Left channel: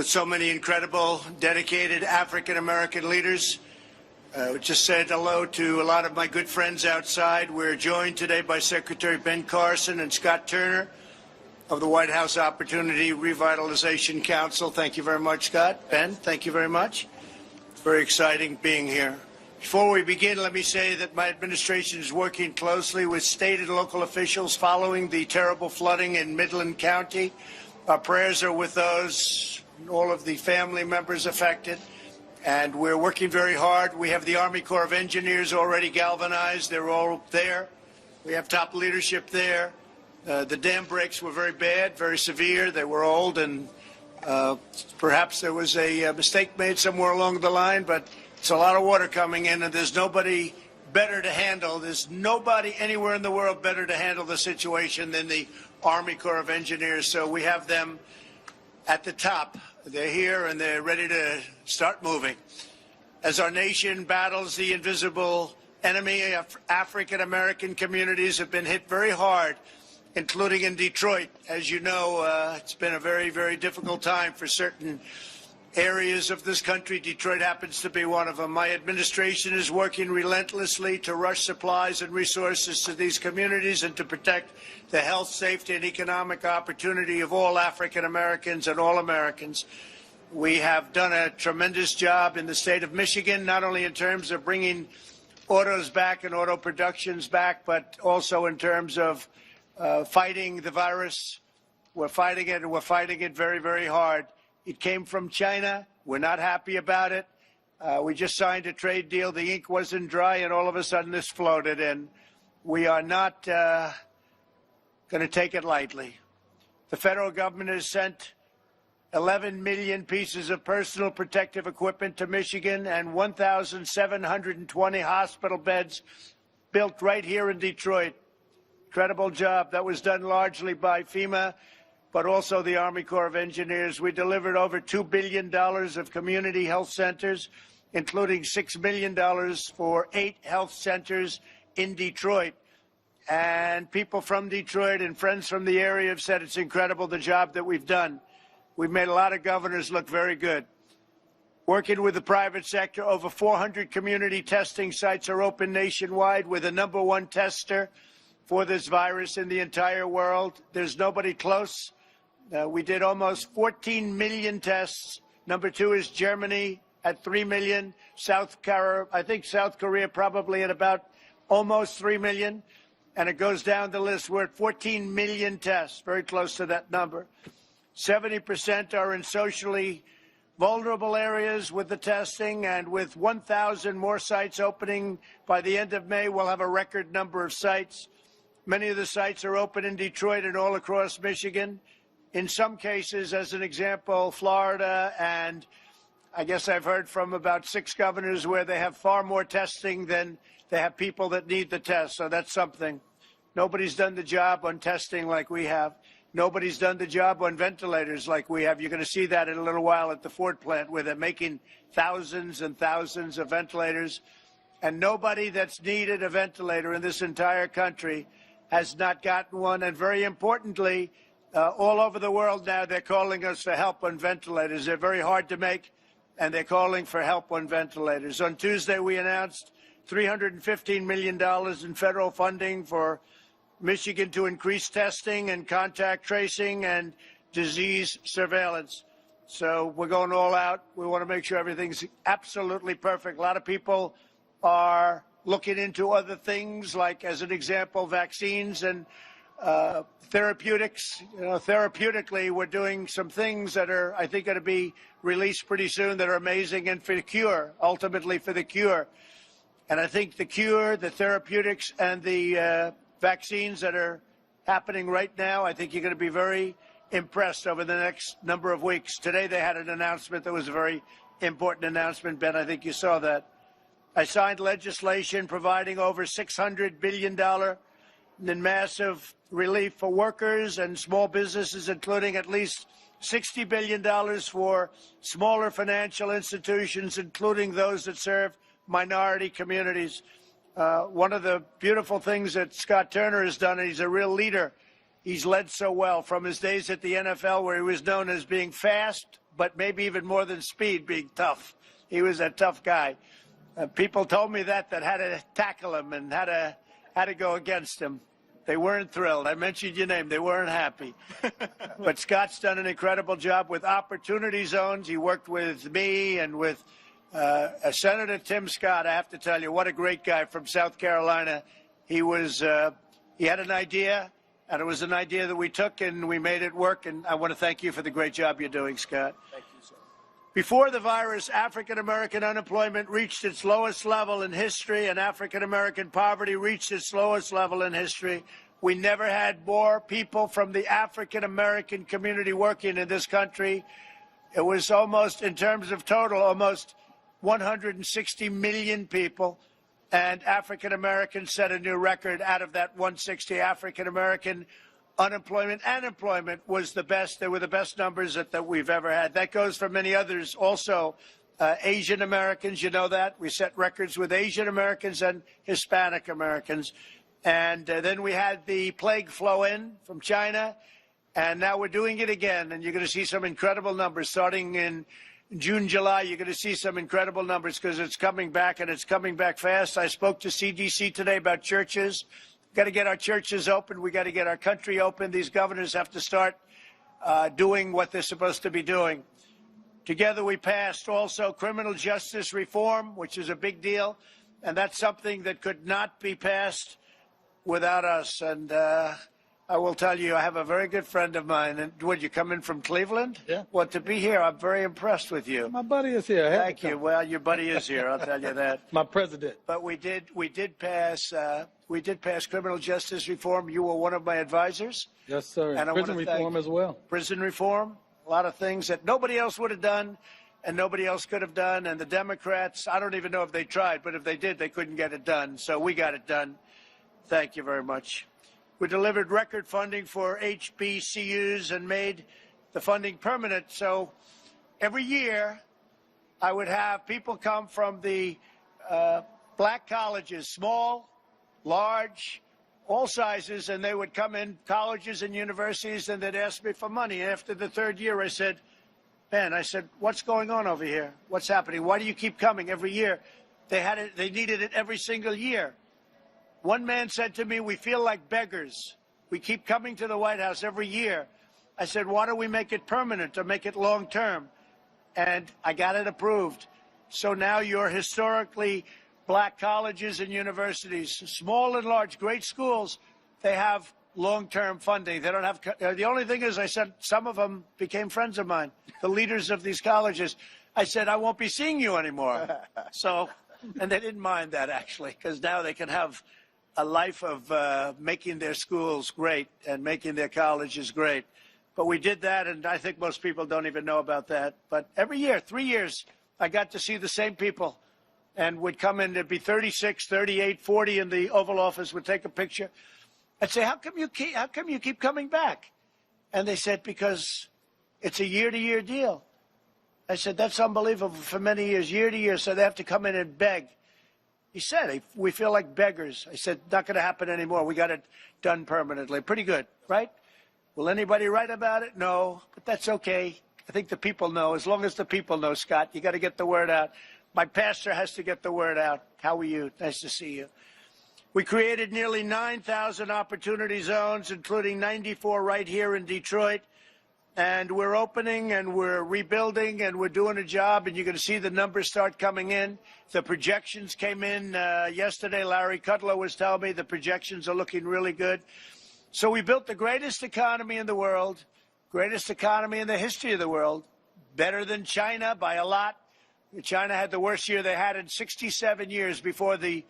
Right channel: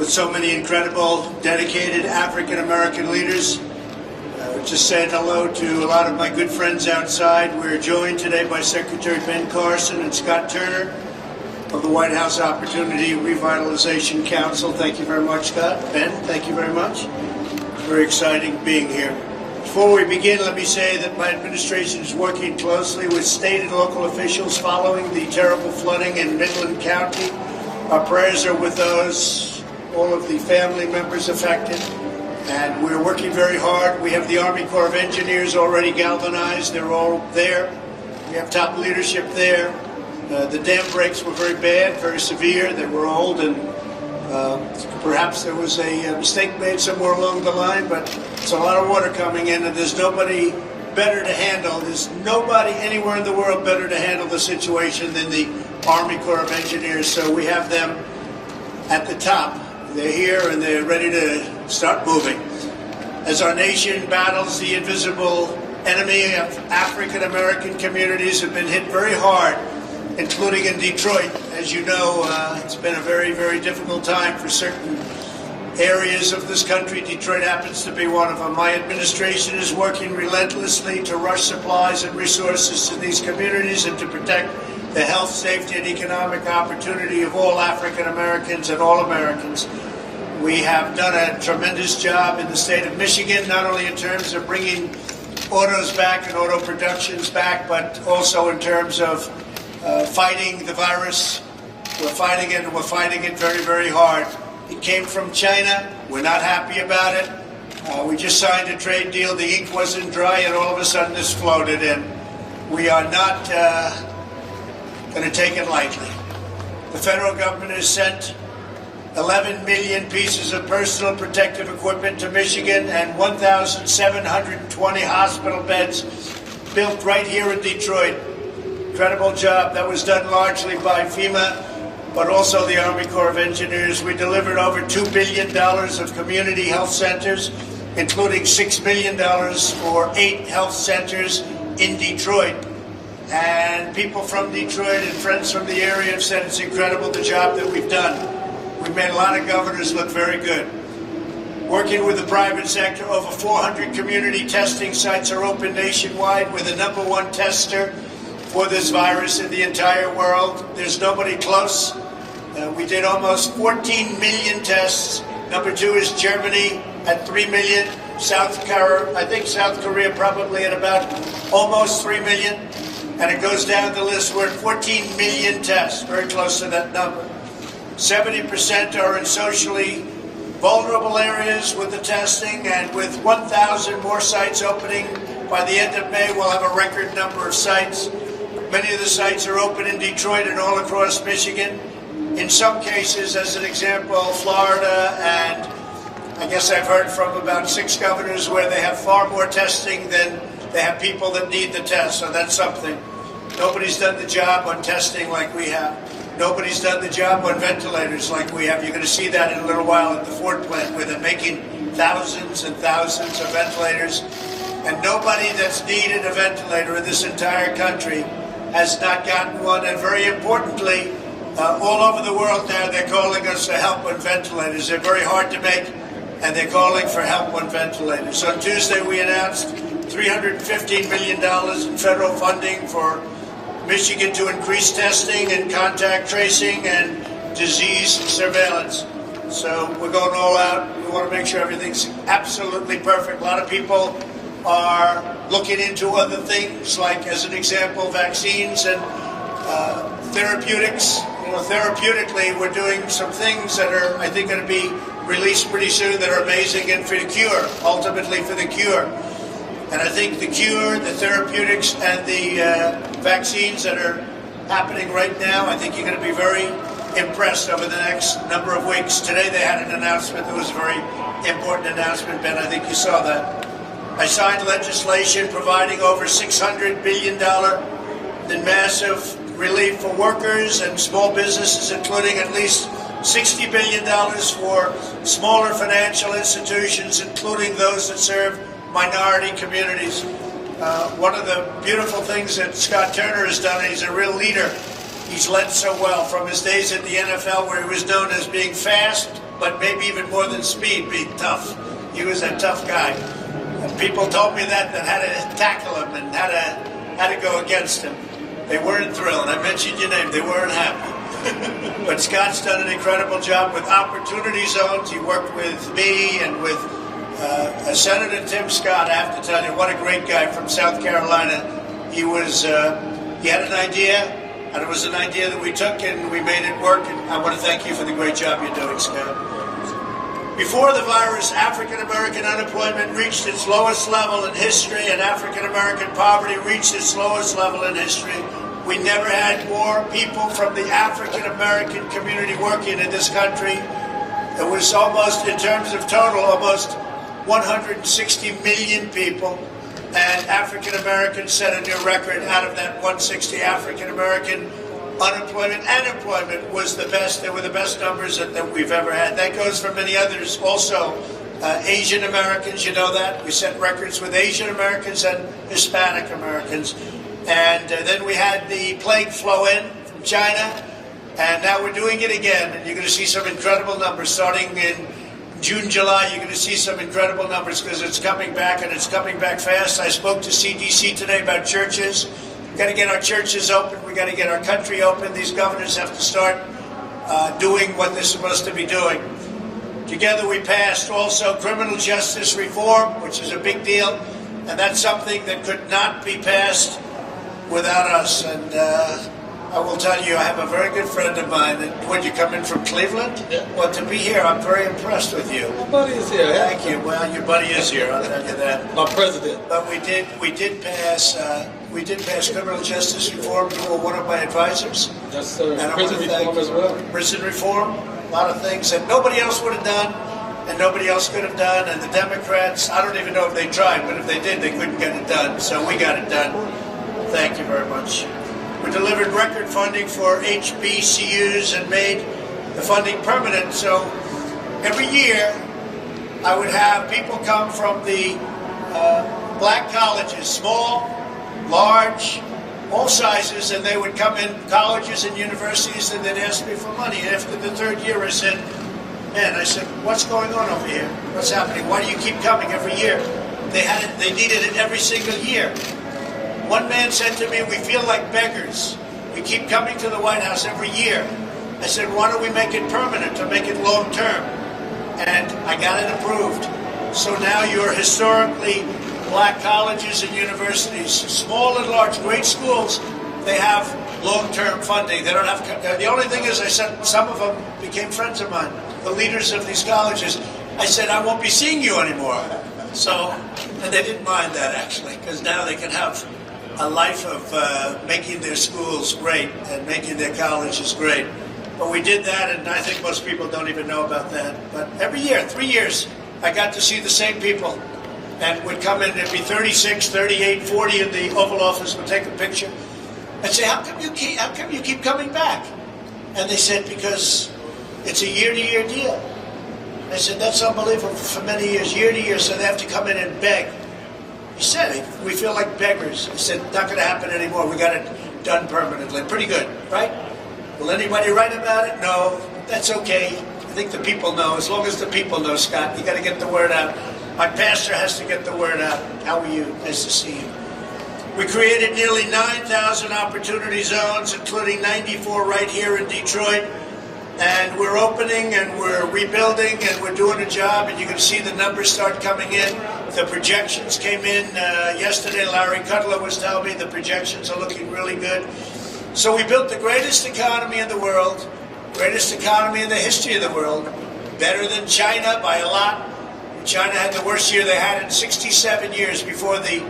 with so many incredible, dedicated African-American leaders. Just saying hello to a lot of my good friends outside. We're joined today by Secretary Ben Carson and Scott Turner of the White House Opportunity Revitalization Council. Thank you very much, Scott. Ben, thank you very much. It's very exciting being here. Before we begin, let me say that my administration is working closely with state and local officials following the terrible flooding in Midland County. Our prayers are with all of the family members affected. And we're working very hard. We have the Army Corps of Engineers already galvanized. They're all there. We have top leadership there. The dam breaks were very bad, very severe. They were old, and perhaps there was a mistake made somewhere along the line, but it's a lot of water coming in, and there's nobody better to handle. There's nobody anywhere in the world better to handle the situation than the Army Corps of Engineers. So we have them at the top. They're here and they're ready to start moving. As our nation battles the invisible enemy of African American communities have been hit very hard, including in Detroit. As you know, it's been a very, very difficult time for certain areas of this country. Detroit happens to be one of them. My administration is working relentlessly to rush supplies and resources to these communities and to protect the health, safety, and economic opportunity of all African Americans and all Americans. We have done a tremendous job in the state of Michigan, not only in terms of bringing autos back and auto productions back, but also in terms of fighting the virus. We're fighting it, and we're fighting it very, very hard. It came from China. We're not happy about it. We just signed a trade deal. The ink wasn't dry, and all of a sudden this floated in. We are not going to take it lightly. The federal government has sent 11 million pieces of personal protective equipment to Michigan and 1,720 hospital beds built right here in Detroit. Incredible job. That was done largely by FEMA, but also the Army Corps of Engineers. We delivered over $2 billion of community health centers, including $6 million for 8 health centers in Detroit. And people from Detroit and friends from the area have said it's incredible the job that we've done. We've made a lot of governors look very good. Working with the private sector, over 400 community testing sites are open nationwide. We're the #1 tester for this virus in the entire world. There's nobody close. We did almost 14 million tests. Number 2 is Germany at 3 million. I think South Korea probably at about almost 3 million. And it goes down the list. We're at 14 million tests, very close to that number. 70% are in socially vulnerable areas with the testing, and with 1,000 more sites opening by the end of May, we'll have a record number of sites. Many of the sites are open in Detroit and all across Michigan. In some cases, as an example, Florida, and I guess I've heard from about 6 governors where they have far more testing than they have people that need the test, so that's something. Nobody's done the job on testing like we have. Nobody's done the job on ventilators like we have. You're going to see that in a little while at the Ford plant, where they're making thousands and thousands of ventilators. And nobody that's needed a ventilator in this entire country has not gotten one. And very importantly, all over the world now, they're calling us for help on ventilators. They're very hard to make, and they're calling for help on ventilators. On Tuesday, we announced $315 million in federal funding for Michigan to increase testing and contact tracing and disease surveillance. So we're going all out. We want to make sure everything's absolutely perfect. A lot of people are looking into other things, like, as an example, vaccines and therapeutics. Therapeutically, we're doing some things that are, I think, going to be released pretty soon that are amazing, and for the cure, ultimately for the cure. And I think the cure, the therapeutics, and the vaccines that are happening right now, I think you're going to be very impressed over the next number of weeks. Today they had an announcement that was a very important announcement, Ben. I think you saw that. I signed legislation providing over $600 billion in massive relief for workers and small businesses, including at least $60 billion for smaller financial institutions, including those that serve minority communities. One of the beautiful things that Scott Turner has done, he's a real leader. He's led so well from his days at the NFL, where he was known as being fast, but maybe even more than speed, being tough. He was a tough guy. And people told me that had to tackle him and had to go against him. They weren't thrilled. I mentioned your name. They weren't happy. But Scott's done an incredible job with opportunity zones. He worked with me and with Senator Tim Scott. I have to tell you, what a great guy from South Carolina. He had an idea, and it was an idea that we took and we made it work. And I want to thank you for the great job you're doing, Scott. Before the virus, African-American unemployment reached its lowest level in history, and African-American poverty reached its lowest level in history. We never had more people from the African-American community working in this country. It was almost, in terms of total, almost 160 million people. And African-Americans set a new record. Out of that 160, African-American unemployment and employment was the best. They were the best numbers that we've ever had. That goes for many others. Also, Asian Americans, you know that. We set records with Asian Americans and Hispanic Americans. And then we had the plague flow in from China, and now we're doing it again. And you're going to see some incredible numbers starting in June, July. You're going to see some incredible numbers because it's coming back, and it's coming back fast. I spoke to CDC today about churches. We've got to get our churches open. We've got to get our country open. These governors have to start doing what they're supposed to be doing. Together we passed also criminal justice reform, which is a big deal, and that's something that could not be passed without us. And I will tell you, I have a very good friend of mine. And when you come in from Cleveland, yeah. Well, to be here, I'm very impressed with you. My buddy is here. Thank you. Well, your buddy is here. I'll tell you that. My president. But we did pass criminal justice reform. You were one of my advisors. Yes, sir. And Prison reform as well. Prison reform, a lot of things that nobody else would have done, and nobody else could have done. And the Democrats, I don't even know if they tried, but if they did, they couldn't get it done. So we got it done. Thank you very much. We delivered record funding for HBCUs and made the funding permanent. So every year, I would have people come from the black colleges, small, large, all sizes, and they would come in colleges and universities, and they'd ask me for money. And after the third year, I said, what's going on over here? What's happening? Why do you keep coming every year? They needed it every single year. One man said to me, we feel like beggars. We keep coming to the White House every year. I said, why don't we make it permanent or make it long term? And I got it approved. So now your historically black colleges and universities, small and large, great schools, they have long-term funding. They don't have. The only thing is, I said, some of them became friends of mine, the leaders of these colleges. I said, I won't be seeing you anymore. So, and they didn't mind that actually, because now they can have a life of making their schools great and making their colleges great. But we did that, and I think most people don't even know about that. But every year, 3 years, I got to see the same people. And would come in, there'd be 36, 38, 40 in the Oval Office, would take a picture. I'd say, how come you keep coming back? And they said, because it's a year-to-year deal. I said, that's unbelievable for many years, year to year, so they have to come in and beg. He said, we feel like beggars. I said, not going to happen anymore. We got it done permanently. Pretty good, right? Will anybody write about it? No, that's okay. I think the people know. As long as the people know, Scott, you got to get the word out. My pastor has to get the word out. How are you? Nice to see you. We created nearly 9,000 opportunity zones, including 94 right here in Detroit. And we're opening and we're rebuilding and we're doing a job, and you can see the numbers start coming in. The projections came in yesterday. Larry Kudlow was telling me the projections are looking really good. So we built the greatest economy in the world, greatest economy in the history of the world, better than China by a lot. China had the worst year they had in 67 years before the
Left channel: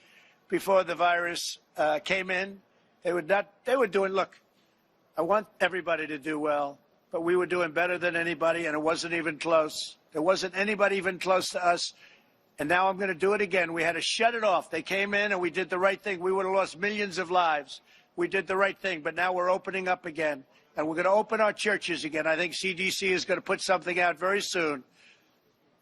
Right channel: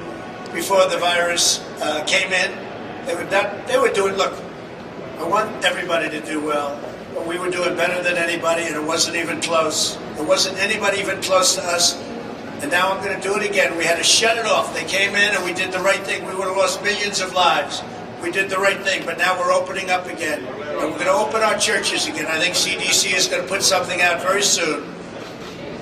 virus came in. They were doing, look, I want everybody to do well, but we were doing better than anybody, and it wasn't even close. There wasn't anybody even close to us. And now I'm going to do it again. We had to shut it off. They came in and we did the right thing. We would have lost millions of lives. We did the right thing, but now we're opening up again. And we're going to open our churches again. I think CDC is going to put something out very soon.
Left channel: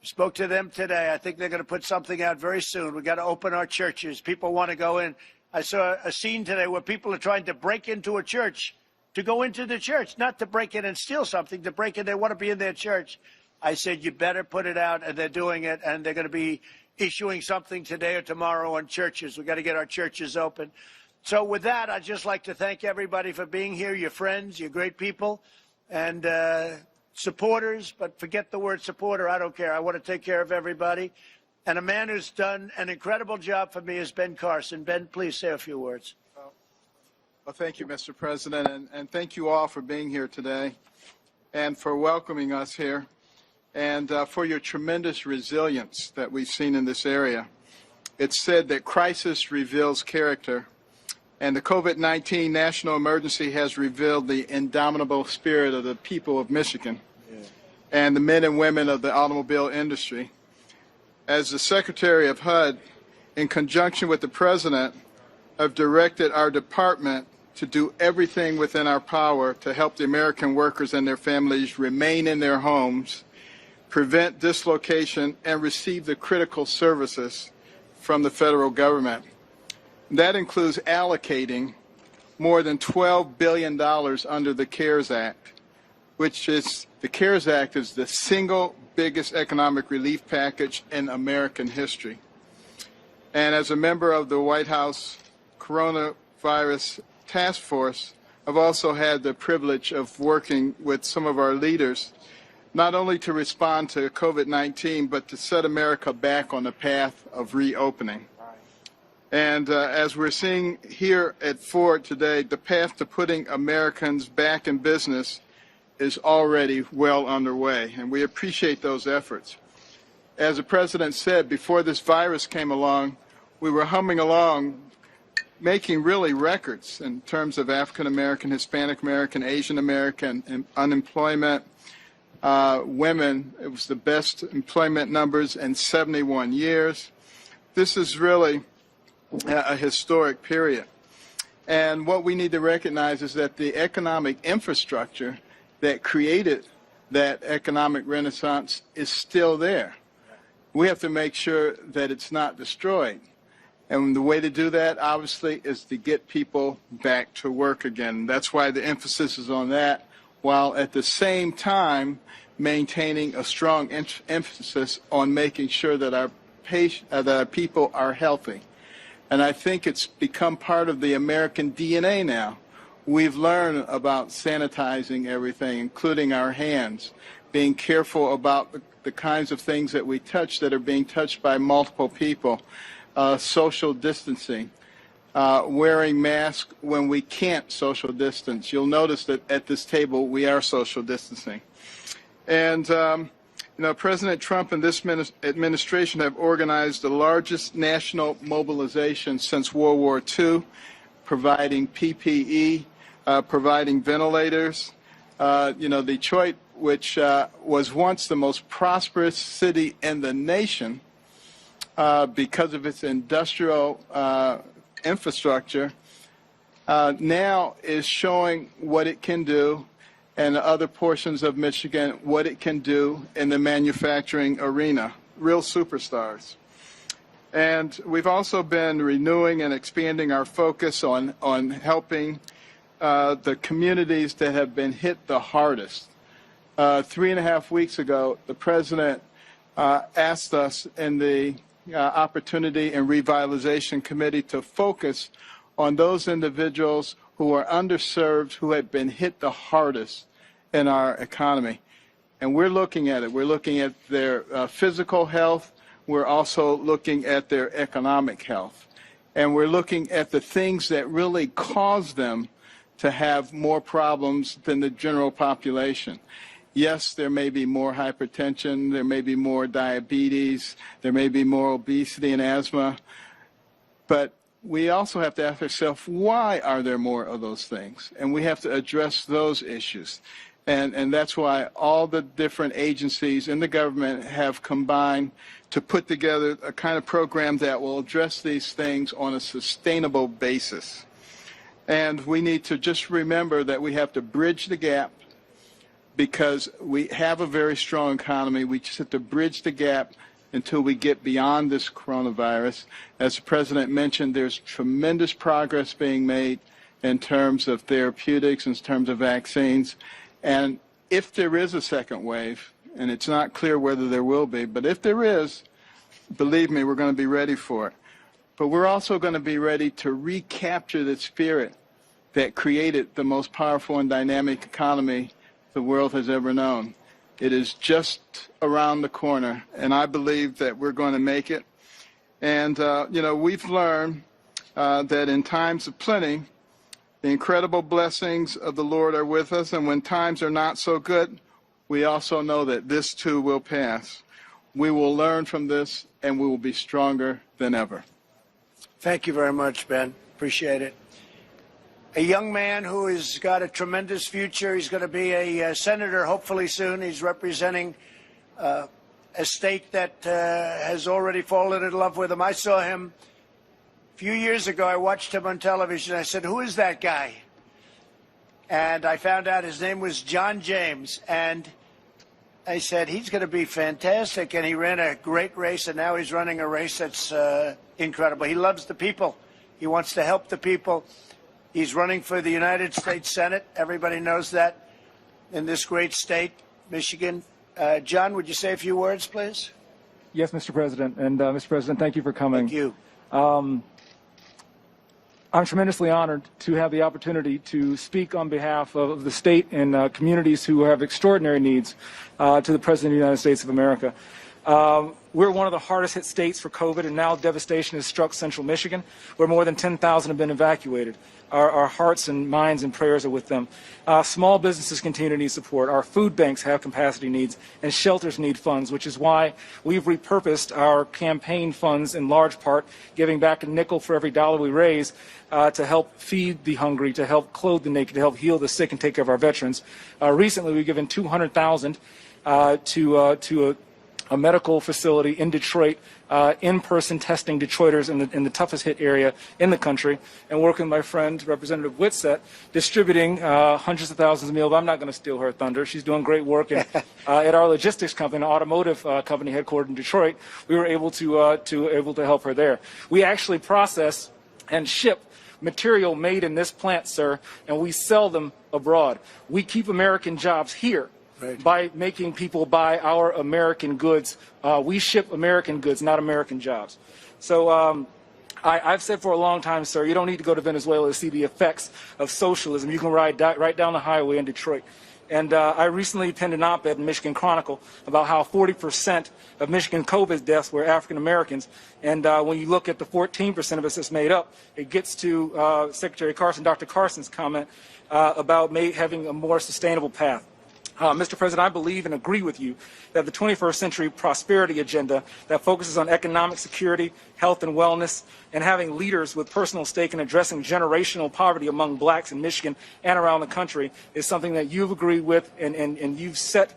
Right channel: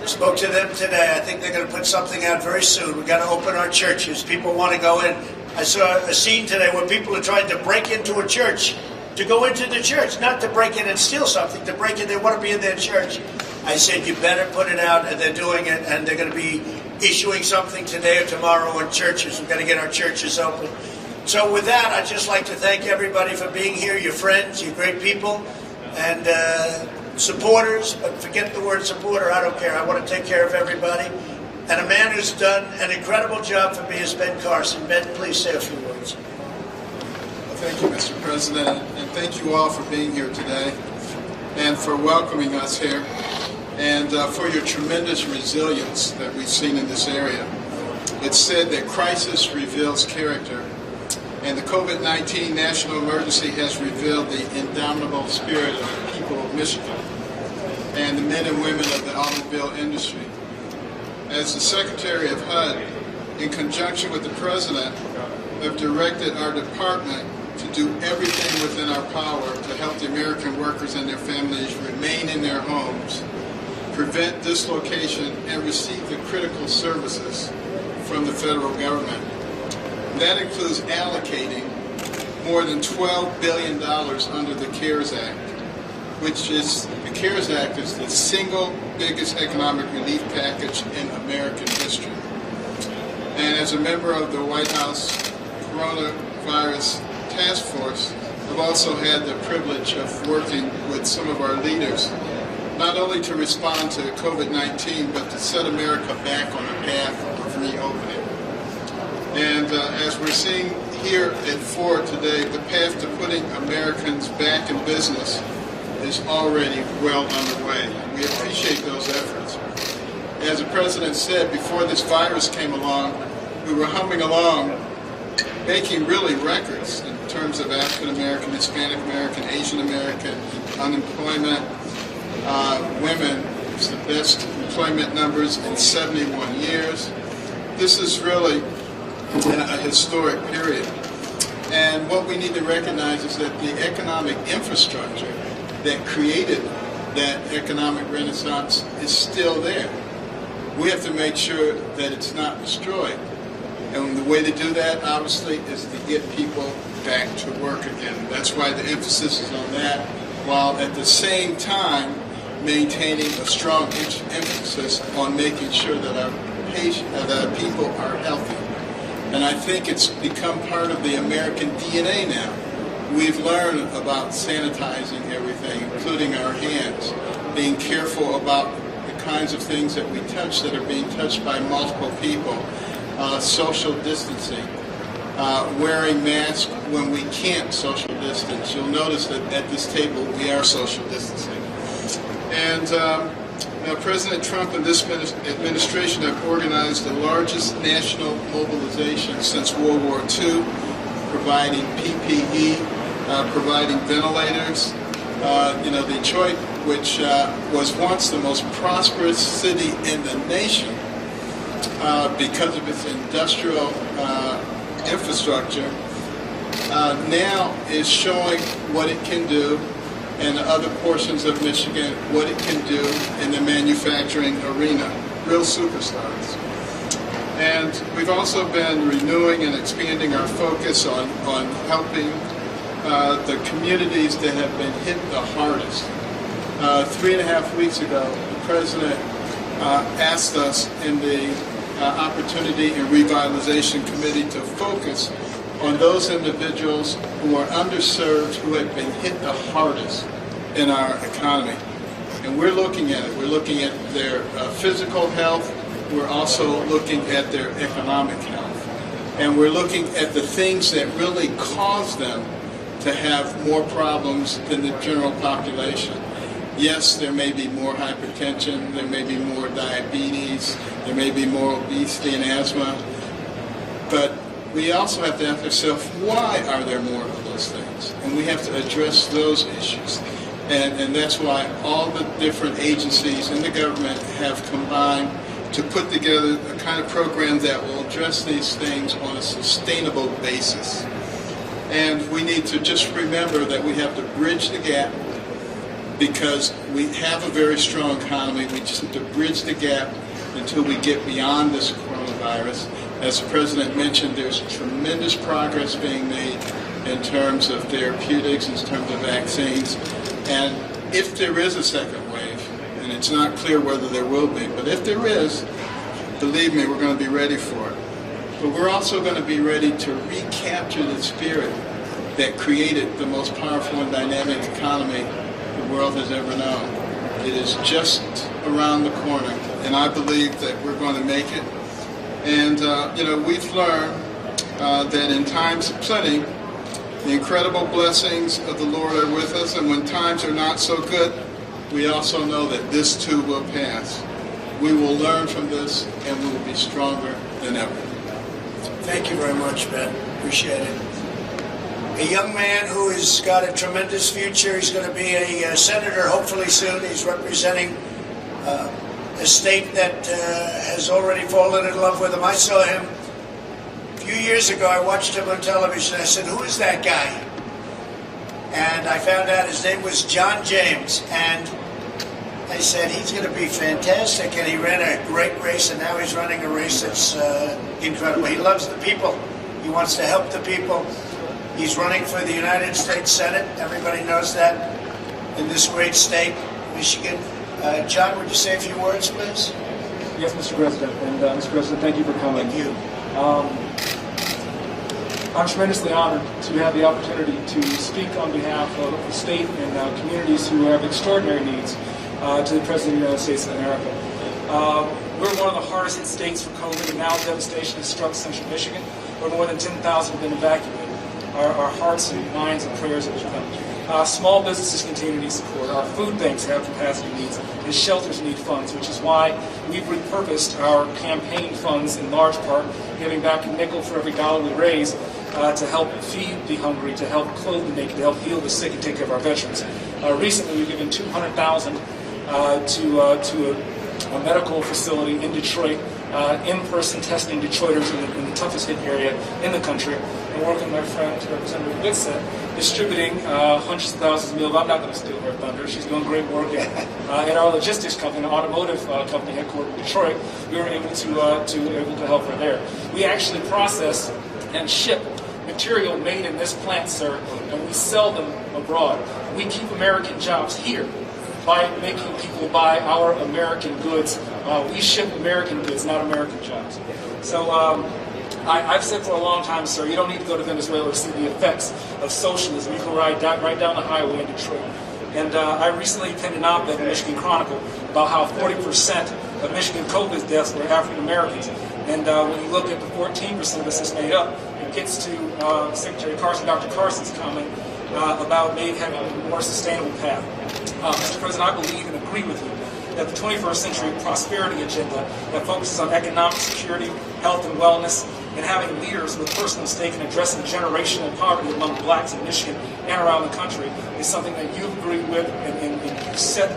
Spoke to them today. I think they're going to put something out very soon. We've got to open our churches. People want to go in. I saw a scene today where people are trying to break into a church, to go into the church, not to break in and steal something, to break in. They want to be in their church. I said, you better put it out, and they're doing it, and they're going to be issuing something today or tomorrow on churches. We're going to get our churches open. So with that, I'd just like to thank everybody for being here, your friends, your great people, and supporters, but forget the word supporter, I don't care. I want to take care of everybody. And a man who's done an incredible job for me is Ben Carson. Ben, please say a few words. Well, thank you, Mr. President, and thank you all for being here today and for welcoming us here and for your tremendous resilience that we've seen in this area. It's said that crisis reveals character, and the COVID-19 national emergency has revealed the indomitable spirit of the people of Michigan and the men and women of the automobile industry. As the Secretary of HUD, in conjunction with the President, have directed our department to do everything within our power to help the American workers and their families remain in their homes, prevent dislocation, and receive the critical services from the federal government. That includes allocating more than $12 billion under the CARES Act, which is, the CARES Act is the single biggest economic relief package in American history. And as a member of the White House Coronavirus Task Force, I've also had the privilege of working with some of our leaders, not only to respond to COVID-19, but to set America back on the path of reopening. And as we're seeing here at Ford today, the path to putting Americans back in business is already well underway. And we appreciate those efforts. As the President said, before this virus came along, we were humming along, making really records in terms of African American, Hispanic American, Asian American unemployment. Women, it's the best employment numbers in 71 years. This is really a historic period. And what we need to recognize is that the economic infrastructure that created that economic renaissance is still there. We have to make sure that it's not destroyed. And the way to do that, obviously, is to get people back to work again. That's why the emphasis is on that, while at the same time maintaining a strong emphasis on making sure that our people are healthy. And I think it's become part of the American DNA now. We've learned about sanitizing everything, including our hands, being careful about the kinds of things that we touch that are being touched by multiple people, social distancing, wearing masks when we can't social distance. You'll notice that at this table we are social distancing. And President Trump and this administration have organized the largest national mobilization since World War II, providing PPE, providing ventilators. Detroit, which was once the most prosperous city in the nation because of its industrial infrastructure, now is showing what it can do, and the other portions of Michigan, what it can do in the manufacturing arena. Real superstars. And we've also been renewing and expanding our focus on helping the communities that have been hit the hardest. 3.5 weeks ago, the President asked us in the Opportunity and Revitalization Committee to focus on those individuals who are underserved, who have been hit the hardest in our economy. And we're looking at it. We're looking at their physical health. We're also looking at their economic health. And we're looking at the things that really cause them to have more problems than the general population. Yes, there may be more hypertension, there may be more diabetes, there may be more obesity and asthma, but we also have to ask ourselves, why are there more of those things? And we have to address those issues. And that's why all the different agencies in the government have combined to put together a kind of program that will address these things on a sustainable basis. And we need to just remember that we have to bridge the gap, because we have a very strong economy. We just have to bridge the gap until we get beyond this coronavirus. As the President mentioned, there's tremendous progress being made in terms of therapeutics, in terms of vaccines. And if there is a second wave, and and it's not clear whether there will be. But if there is, believe me, we're going to be ready for it. But we're also going to be ready to recapture the spirit that created the most powerful and dynamic economy the world has ever known. It is just around the corner, and I believe that we're going to make it. And, we've learned that in times of plenty, the incredible blessings of the Lord are with us, and when times are not so good, we also know that this too will pass. We will learn from this, and we will be stronger than ever. Thank you very much, Ben. Appreciate it. A young man who has got a tremendous future. He's going to be a senator hopefully soon. He's representing a state that has already fallen in love with him. I saw him a few years ago. I watched him on television. I said, "Who is that guy?" And I found out his name was John James. And I said, he's going to be fantastic. And he ran a great race, and now he's running a race that's incredible. He loves the people. He wants to help the people. He's running for the United States Senate. Everybody knows that in this great state, Michigan. John, would you say a few words, please? Yes, Mr. President. And Mr. President, thank you for coming. Thank you. I'm tremendously honored to have the opportunity to speak on behalf of the state and communities who have extraordinary needs to the President of the United States of America. We're one of the hardest hit states for COVID, and now devastation has struck central Michigan, where more than 10,000 have been evacuated. Our hearts and minds and prayers are with them. Small businesses continue to need support. Our food banks have capacity needs, and shelters need funds, which is why we've repurposed our campaign funds in large part, giving back a nickel for every dollar we raise to help feed the hungry, to help clothe the naked, to help heal the sick and take care of our veterans. Recently, we've given $200,000 to a medical facility in Detroit, in-person testing Detroiters in the toughest hit area in the country, and working with my friend, Representative Whitsett, distributing hundreds of thousands of meals. I'm not going to steal her thunder. She's doing great work. At our logistics company, an automotive company headquartered in Detroit, we were able to help her there. We actually process and ship material made in this plant, sir, and we sell them abroad. We keep American jobs here by making people buy our American goods. We ship American goods, not American jobs. So I've said for a long time, sir, you don't need to go to Venezuela to see the effects of socialism. You can ride right down the highway in Detroit. And I recently penned an op-ed in the Michigan Chronicle about how 40% of Michigan COVID deaths were African Americans. And when you look at the 14% of us that's made up, it gets to Secretary Carson, Dr. Carson's comment about having a more sustainable path. Mr. President, I believe and agree with you that the 21st century prosperity agenda that focuses on economic security, health and wellness, and having leaders with personal stake in addressing generational poverty among blacks in Michigan and around the country is something that you agree with and you've set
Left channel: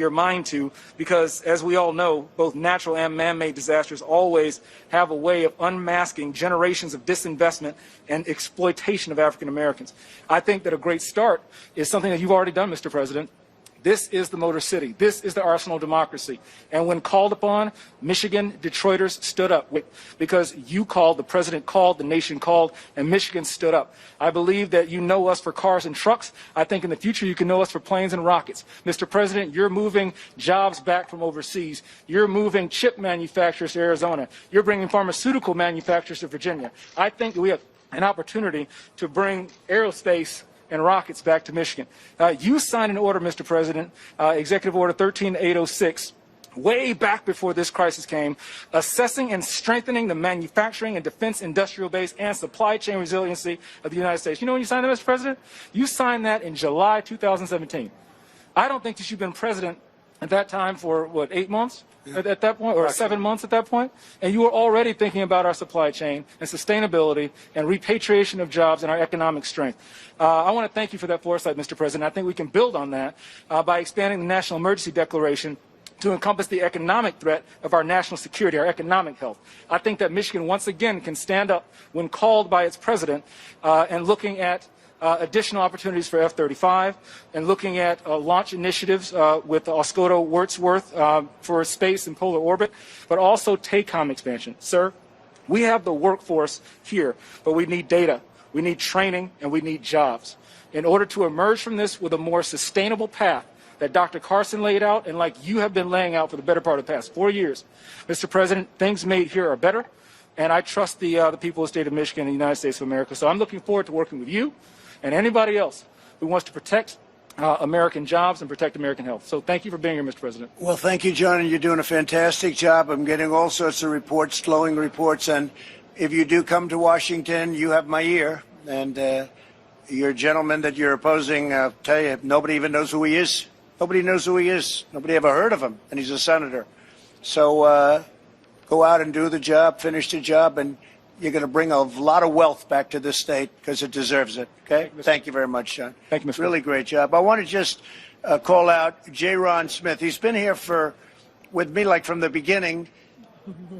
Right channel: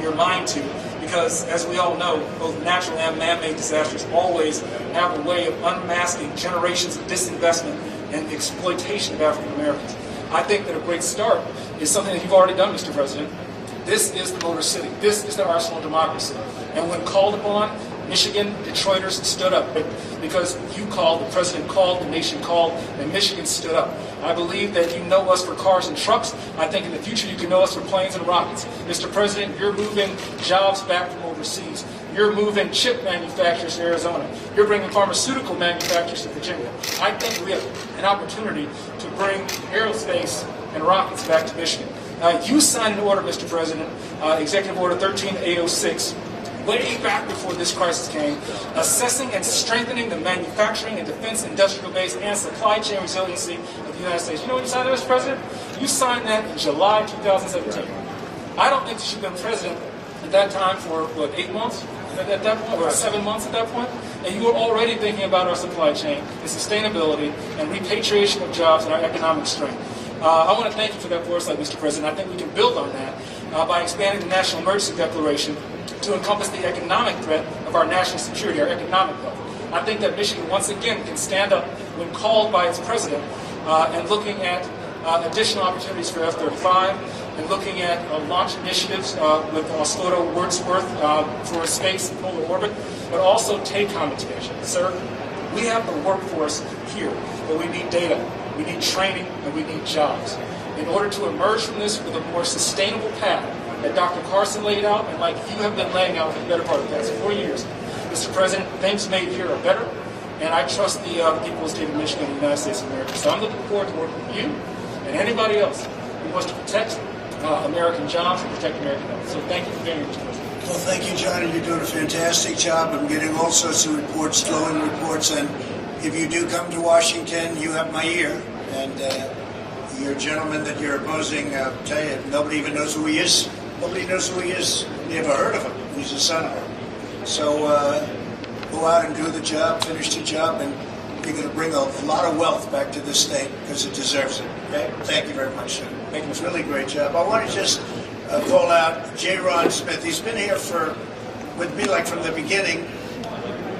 your mind to, because as we all know, both natural and man-made disasters always have a way of unmasking generations of disinvestment and exploitation of African Americans. I think that a great start is something that you've already done, Mr. President. This is the Motor City. This is the arsenal of democracy. And when called upon, Michigan Detroiters stood up because you called, the president called, the nation called, and Michigan stood up. I believe that you know us for cars and trucks. I think in the future you can know us for planes and rockets. Mr. President, you're moving jobs back from overseas. You're moving chip manufacturers to Arizona. You're bringing pharmaceutical manufacturers to Virginia. I think we have an opportunity to bring aerospace and rockets back to Michigan. You signed an order, Mr. President, Executive Order 13806, way back before this crisis came, assessing and strengthening the manufacturing and defense industrial base and supply chain resiliency of the United States. You know when you signed that, Mr. President? You signed that in July 2017. I don't think that you've been president at that time for, 8 months at that point, or 7 months at that point? And you were already thinking about our supply chain and sustainability and repatriation of jobs and our economic strength. I want to thank you for that foresight, Mr. President. I think we can build on that by expanding the National Emergency Declaration to encompass the economic threat of our national security, our economic health. I think that Michigan once again can stand up when called by its president and looking at additional opportunities for F-35 and looking at launch initiatives with Oscoda Wordsworth for space and polar orbit, but also TACOM expansion. Sir, we have the workforce here, but we need data. We need training, and we need jobs. In order to emerge from this with a more sustainable path, that Dr. Carson laid out and like you have been laying out for the better part of the past 4 years. Mr. President, things made here are better, and I trust the people of the state of Michigan and the United States of America. So I'm looking forward to working with you and anybody else who wants to protect American jobs and protect American health. So thank you for being here, Mr. President. Well, thank you, John, and you're doing a fantastic job. I'm getting all sorts of reports, glowing reports, and if you do come to Washington, you have my ear, and your gentleman that you're opposing, I'll tell you, nobody even knows who he is. Nobody knows who he is. Nobody ever heard of him, and he's a senator. So go out and do the job, finish the job, and you're going to bring a lot of wealth back to this state because it deserves it. Okay? Thank you very much, John. Thank you, Mr. Really great job. I want to just call out J. Ron Smith. He's been here with me like from the beginning.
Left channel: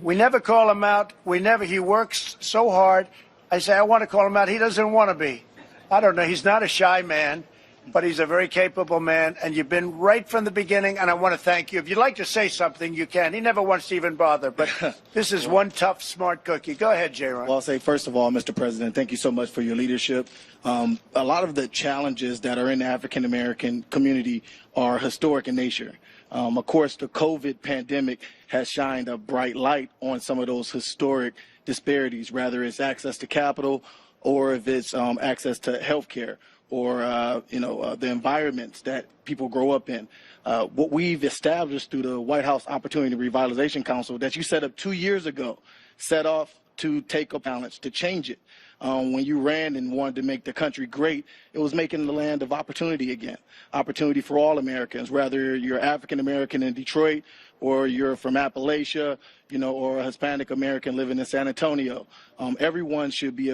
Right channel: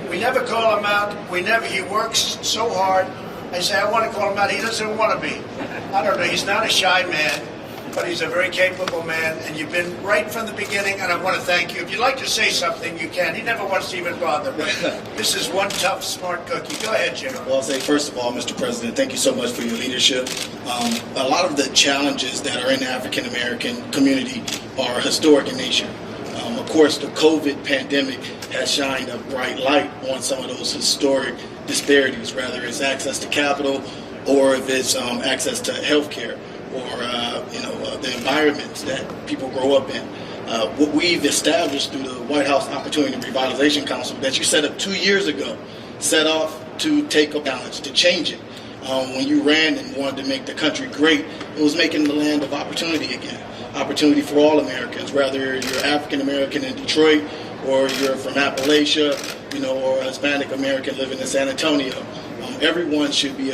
We never call him out. He works so hard. I say, I want to call him out. He doesn't want to be. I don't know. He's not a shy man, but he's a very capable man, and you've been right from the beginning, and I want to thank you. If you'd like to say something, you can. He never wants to even bother, but this is one tough, smart cookie. Go ahead, J-Ron. Well, I'll say, first of all, Mr. President, thank you so much for your leadership. A lot of the challenges that are in the African-American community are historic in nature. Of course, the COVID pandemic has shined a bright light on some of those historic disparities, whether it's access to capital or if it's access to health care or the environments that people grow up in. What we've established through the White House Opportunity Revitalization Council that you set up 2 years ago, set off to take a challenge, to change it. When you ran and wanted to make the country great, it was making the land of opportunity again. Opportunity for all Americans, whether you're African American in Detroit or you're from Appalachia, or a Hispanic American living in San Antonio. Everyone should be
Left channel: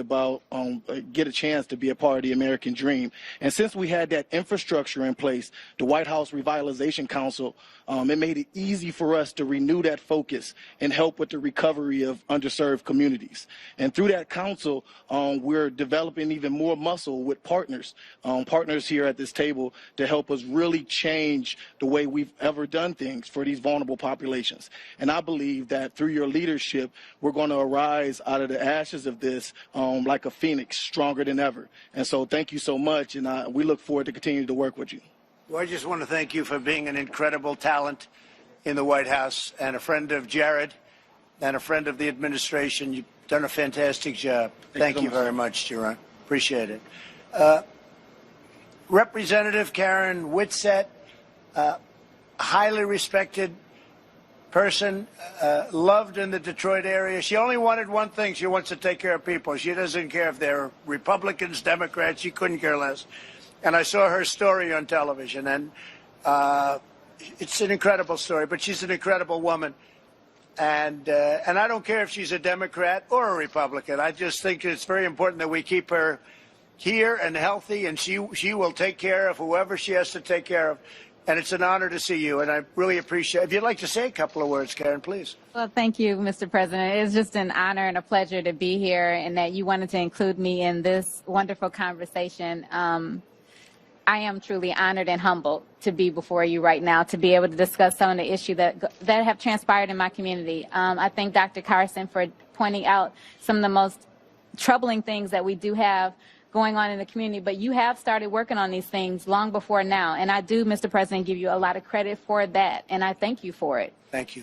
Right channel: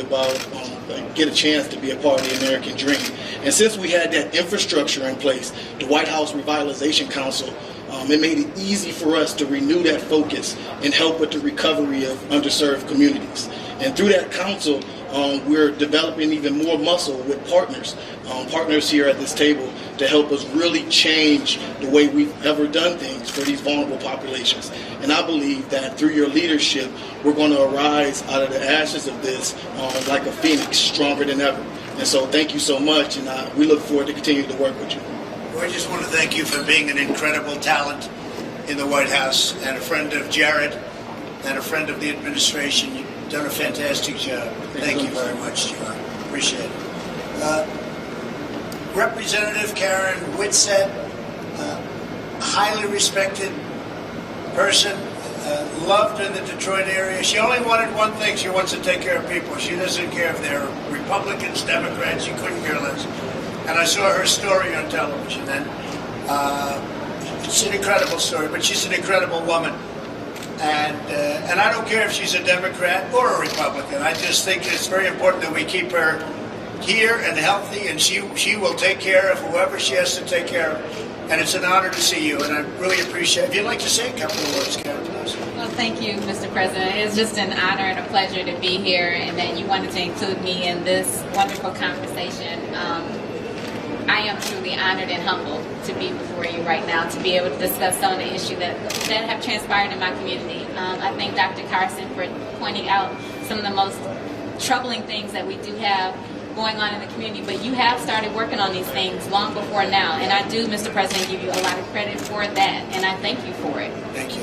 get a chance to be a part of the American dream. And since we had that infrastructure in place, the White House Revitalization Council, it made it easy for us to renew that focus and help with the recovery of underserved communities. And through that council, we're developing even more muscle with partners here at this table to help us really change the way we've ever done things for these vulnerable populations. And I believe that through your leadership, we're going to arise out of the ashes of this like a phoenix, stronger than ever. And so thank you so much, and we look forward to continuing to work with you. Well, I just want to thank you for being an incredible talent in the White House and a friend of Jared and a friend of the administration. You've done a fantastic job. Thank you very much, Jerome. Appreciate it. Representative Karen Whitsett, highly respected person, loved in the Detroit area. She only wanted one thing. She wants to take care of people. She doesn't care if they're Republicans, Democrats. She couldn't care less. And I saw her story on television, and it's an incredible story, but she's an incredible woman. And I don't care if she's a Democrat or a Republican. I just think it's very important that we keep her here and healthy, and she will take care of whoever she has to take care of. And it's an honor to see you, and I really appreciate it. If you'd like to say a couple of words, Karen, please. Well, thank you, Mr. President. It's just an honor and a pleasure to be here, and that you wanted to include me in this wonderful conversation. I am truly honored and humbled to be before you right now, to be able to discuss some of the issues that have transpired in my community. I thank Dr. Carson for pointing out some of the most troubling things that we do have going on in the community, but you have started working on these things long before now, and I do, Mr. President, give you a lot of credit for that, and I thank you for it. Thank you.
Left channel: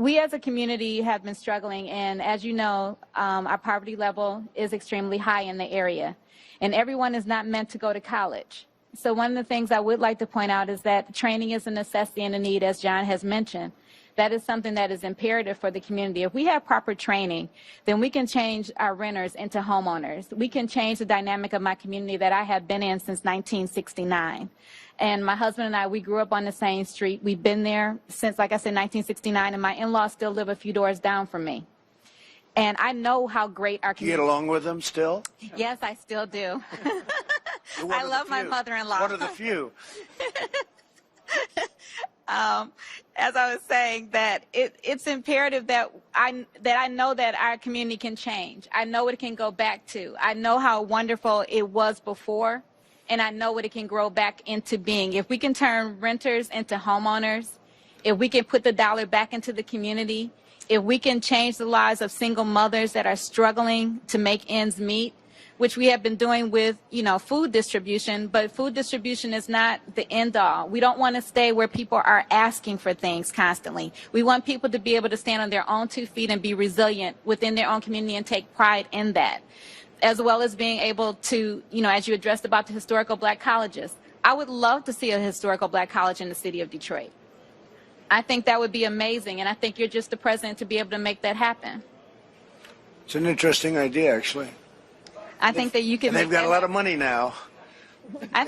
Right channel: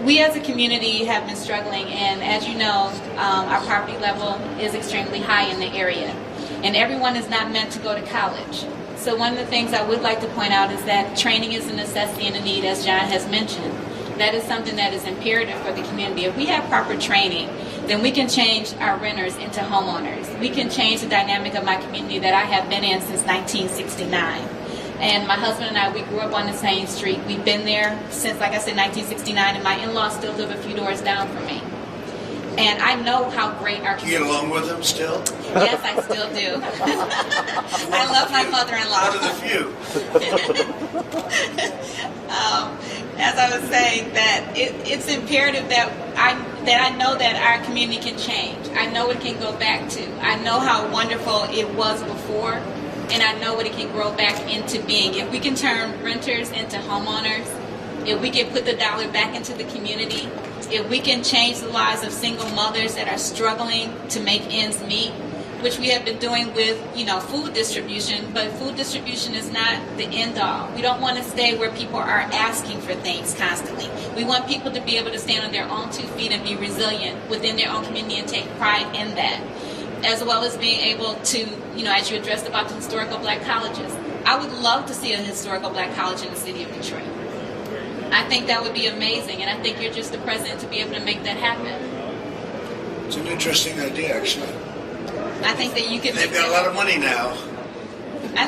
We as a community have been struggling, and as you know, our poverty level is extremely high in the area, and everyone is not meant to go to college. So one of the things I would like to point out is that training is a necessity and a need, as John has mentioned. That is something that is imperative for the community. If we have proper training, then we can change our renters into homeowners. We can change the dynamic of my community that I have been in since 1969. And my husband and I, we grew up on the same street. We've been there since, like I said, 1969, and my in-laws still live a few doors down from me. And I know how great our community is. You get along with them still? Yes, I still do. I love my mother-in-law. One of the few. As I was saying, that it's imperative that I know that our community can change. I know it can go back to. I know how wonderful it was before, and I know what it can grow back into being. If we can turn renters into homeowners, if we can put the dollar back into the community, if we can change the lives of single mothers that are struggling to make ends meet, which we have been doing with, food distribution, but food distribution is not the end all. We don't want to stay where people are asking for things constantly. We want people to be able to stand on their own 2 feet and be resilient within their own community and take pride in that, as well as being able to, as you addressed about the historical black colleges. I would love to see a historical black college in the city of Detroit. I think that would be amazing, and I think you're just the president to be able to make that happen. It's an interesting idea, actually. I think that you can. They've got a lot of money now.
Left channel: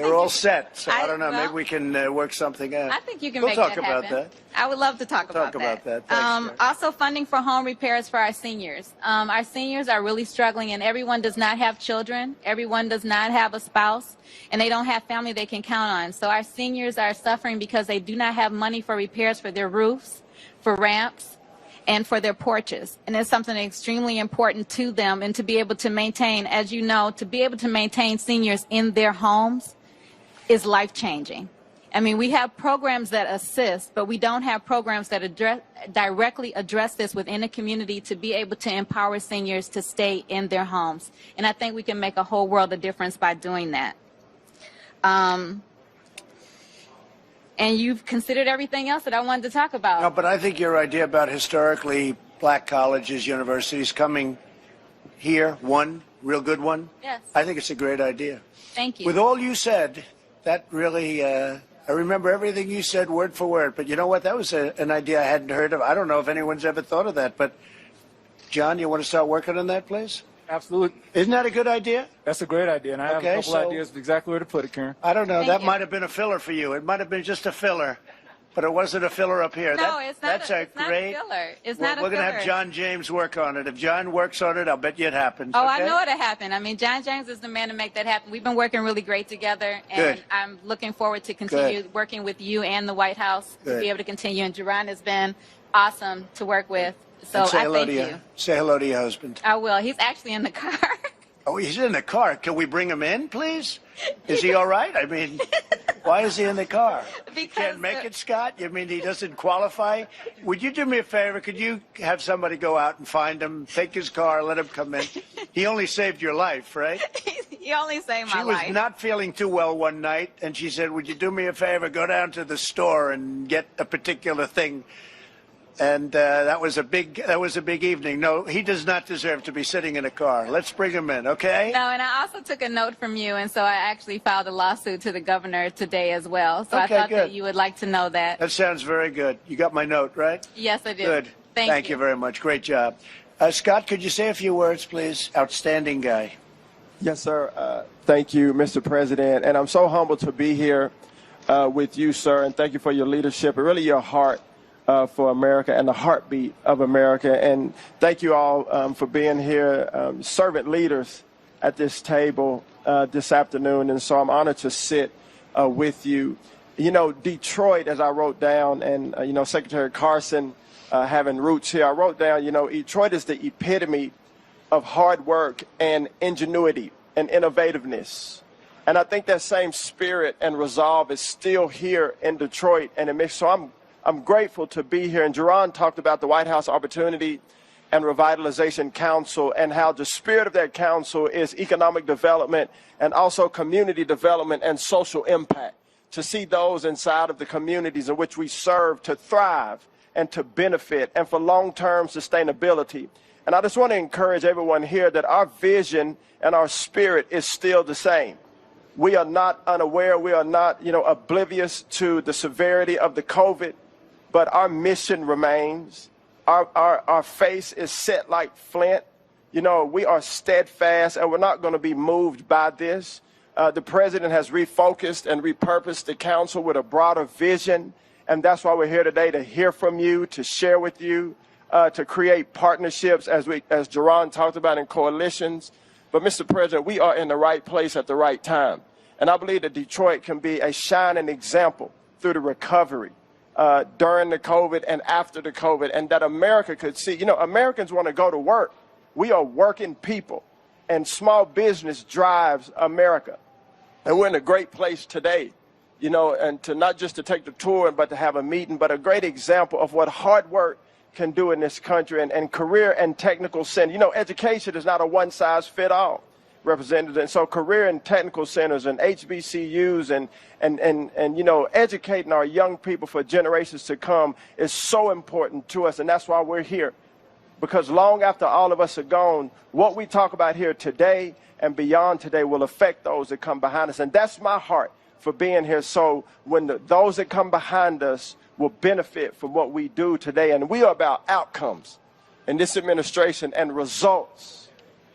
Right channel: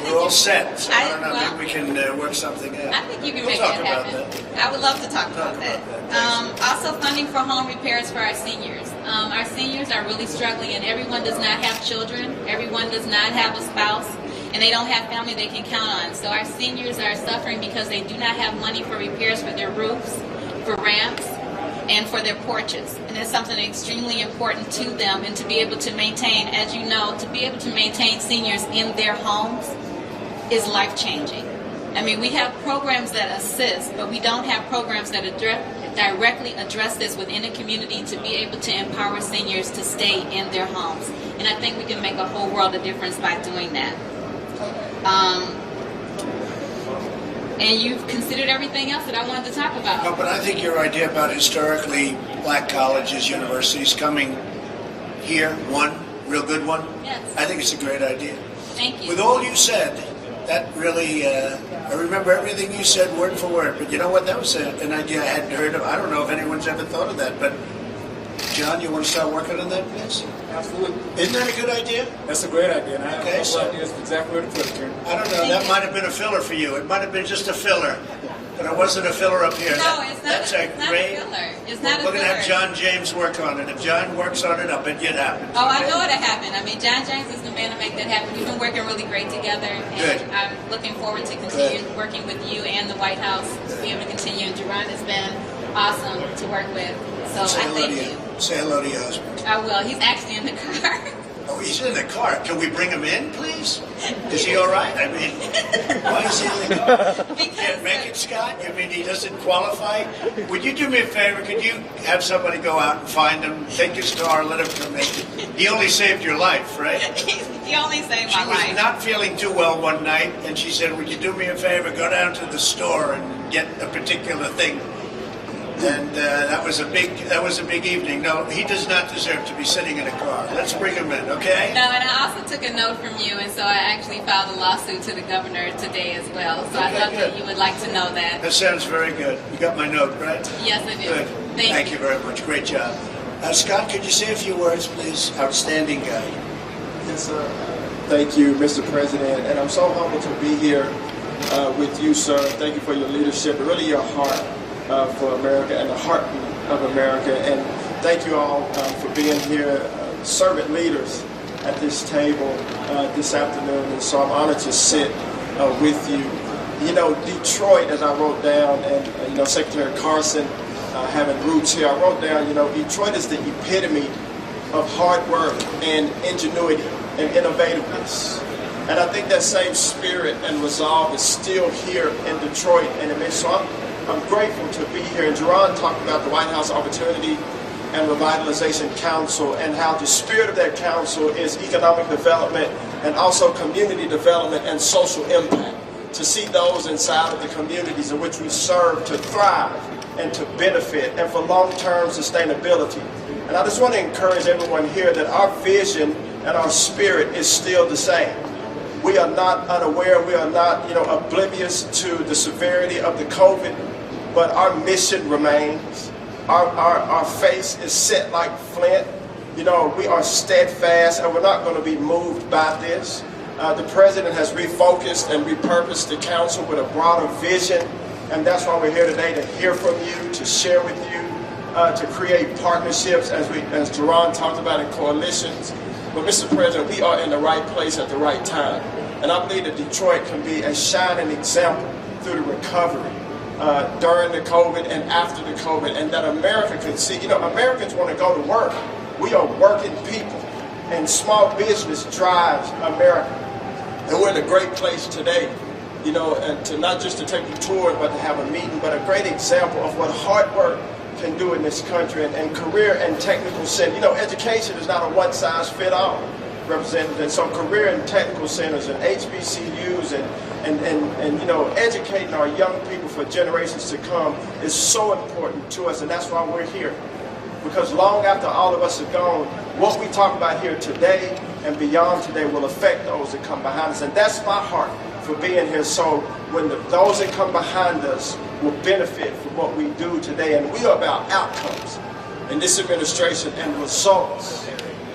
We're all set, so I don't know, maybe we can work something out. I think you can We'll make talk that about happen. that. I would love to talk about that. Also, funding for home repairs for our seniors. Our seniors are really struggling, and everyone does not have children. Everyone does not have a spouse, and they don't have family they can count on. So our seniors are suffering because they do not have money for repairs for their roofs, for ramps, and for their porches. And it's something extremely important to them, and to be able to maintain, as you know, to be able to maintain seniors in their homes is life-changing. I mean, we have programs that assist, but we don't have programs that directly address this within the community to be able to empower seniors to stay in their homes. And I think we can make a whole world of difference by doing that. And you've considered everything else that I wanted to talk about. No, but I think your idea about historically black colleges, universities coming here, one real good one, Yes. I think it's a great idea. Thank you. With all you said, that really, I remember everything you said word for word, but you know what, that was an idea I hadn't heard of. I don't know if anyone's ever thought of that, but John, you want to start working on that, please? Absolutely. Isn't that a good idea? That's a great idea, and I have Okay, a couple ideas exactly where to put it, Karen. I don't know, that might have been a filler for you. It might have been just a filler, but it wasn't a filler up here. No, it's not. That's It's not a filler. It's not a We're going to have filler. John James work on it. If John works on it, I'll bet you it happens. Oh, I okay? know it'll happen. I mean, John James is the man to make that happen. We've been working really great together, and Good. I'm looking forward to continue Good. working with you and the White House to Good. be able to continue. And Jerron has been awesome to work with. So Say I hello thank to you. you. Say hello to your husband. I will. He's actually in the car. Oh, he's in the car. Can we bring him in, please? Is he all right? I mean, why is he in the car? He can't make it, Scott? You mean he doesn't qualify? Would you do me a favor? Could you have somebody go out and find him, take his car, let him come in? He only saved your life, right? He only saved my She was life. not feeling too well one night, and she said, would you do me a favor, go down to the store and get a particular thing? And that was a big evening. No, he does not deserve to be sitting in a car. Let's bring him in, okay? No, and I also took a note from you, and so I actually filed a lawsuit to the governor today as well. So I Okay, thought that good. you would like to know that. That sounds very good. You got my note, right? Yes, I do. Good. Thank you very much. Great job. Scott, could you say a few words, please? Outstanding guy. Yes, sir. Thank you, Mr. President. And I'm so humbled to be here with you, sir. And thank you for your leadership and really your heart for America and the heartbeat of America. And thank you all for being here, servant leaders at this table this afternoon. And so I'm honored to sit with you. You know, Detroit, as I wrote down, and, Secretary Carson having roots here, I wrote down, Detroit is the epitome of hard work and ingenuity and innovativeness. And I think that same spirit and resolve is still here in Detroit. And so I'm grateful to be here. And Jerron talked about the White House Opportunity and Revitalization Council and how the spirit of that council is economic development and also community development and social impact. To see those inside of the communities in which we serve to thrive and to benefit and for long-term sustainability. And I just want to encourage everyone here that our vision and our spirit is still the same. We are not unaware, we are not, oblivious to the severity of the COVID, but our mission remains. Our face is set like flint. We are steadfast and we're not going to be moved by this. The president has refocused and repurposed the council with a broader vision, and that's why we're here today to hear from you, to share with you, to create partnerships as Jerron talked about in coalitions. But Mr. President, we are in the right place at the right time. And I believe that Detroit can be a shining example through the recovery during the COVID and after the COVID, and that America could see. Americans want to go to work. We are working people, and small business drives America. And we're in a great place today, and to not just to take the tour, but to have a meeting, but a great example of what hard work can do in this country, and career and technical sense. Education is not a one-size-fits-all. represented, and some career and technical centers and HBCUs and you know, educating our young people for generations to come is so important to us, and that's why we're here. Because long after all of us are gone, what we talk about here today and beyond today will affect those that come behind us, and that's my heart for being here. So when those that come behind us will benefit from what we do today, and we are about outcomes in this administration and results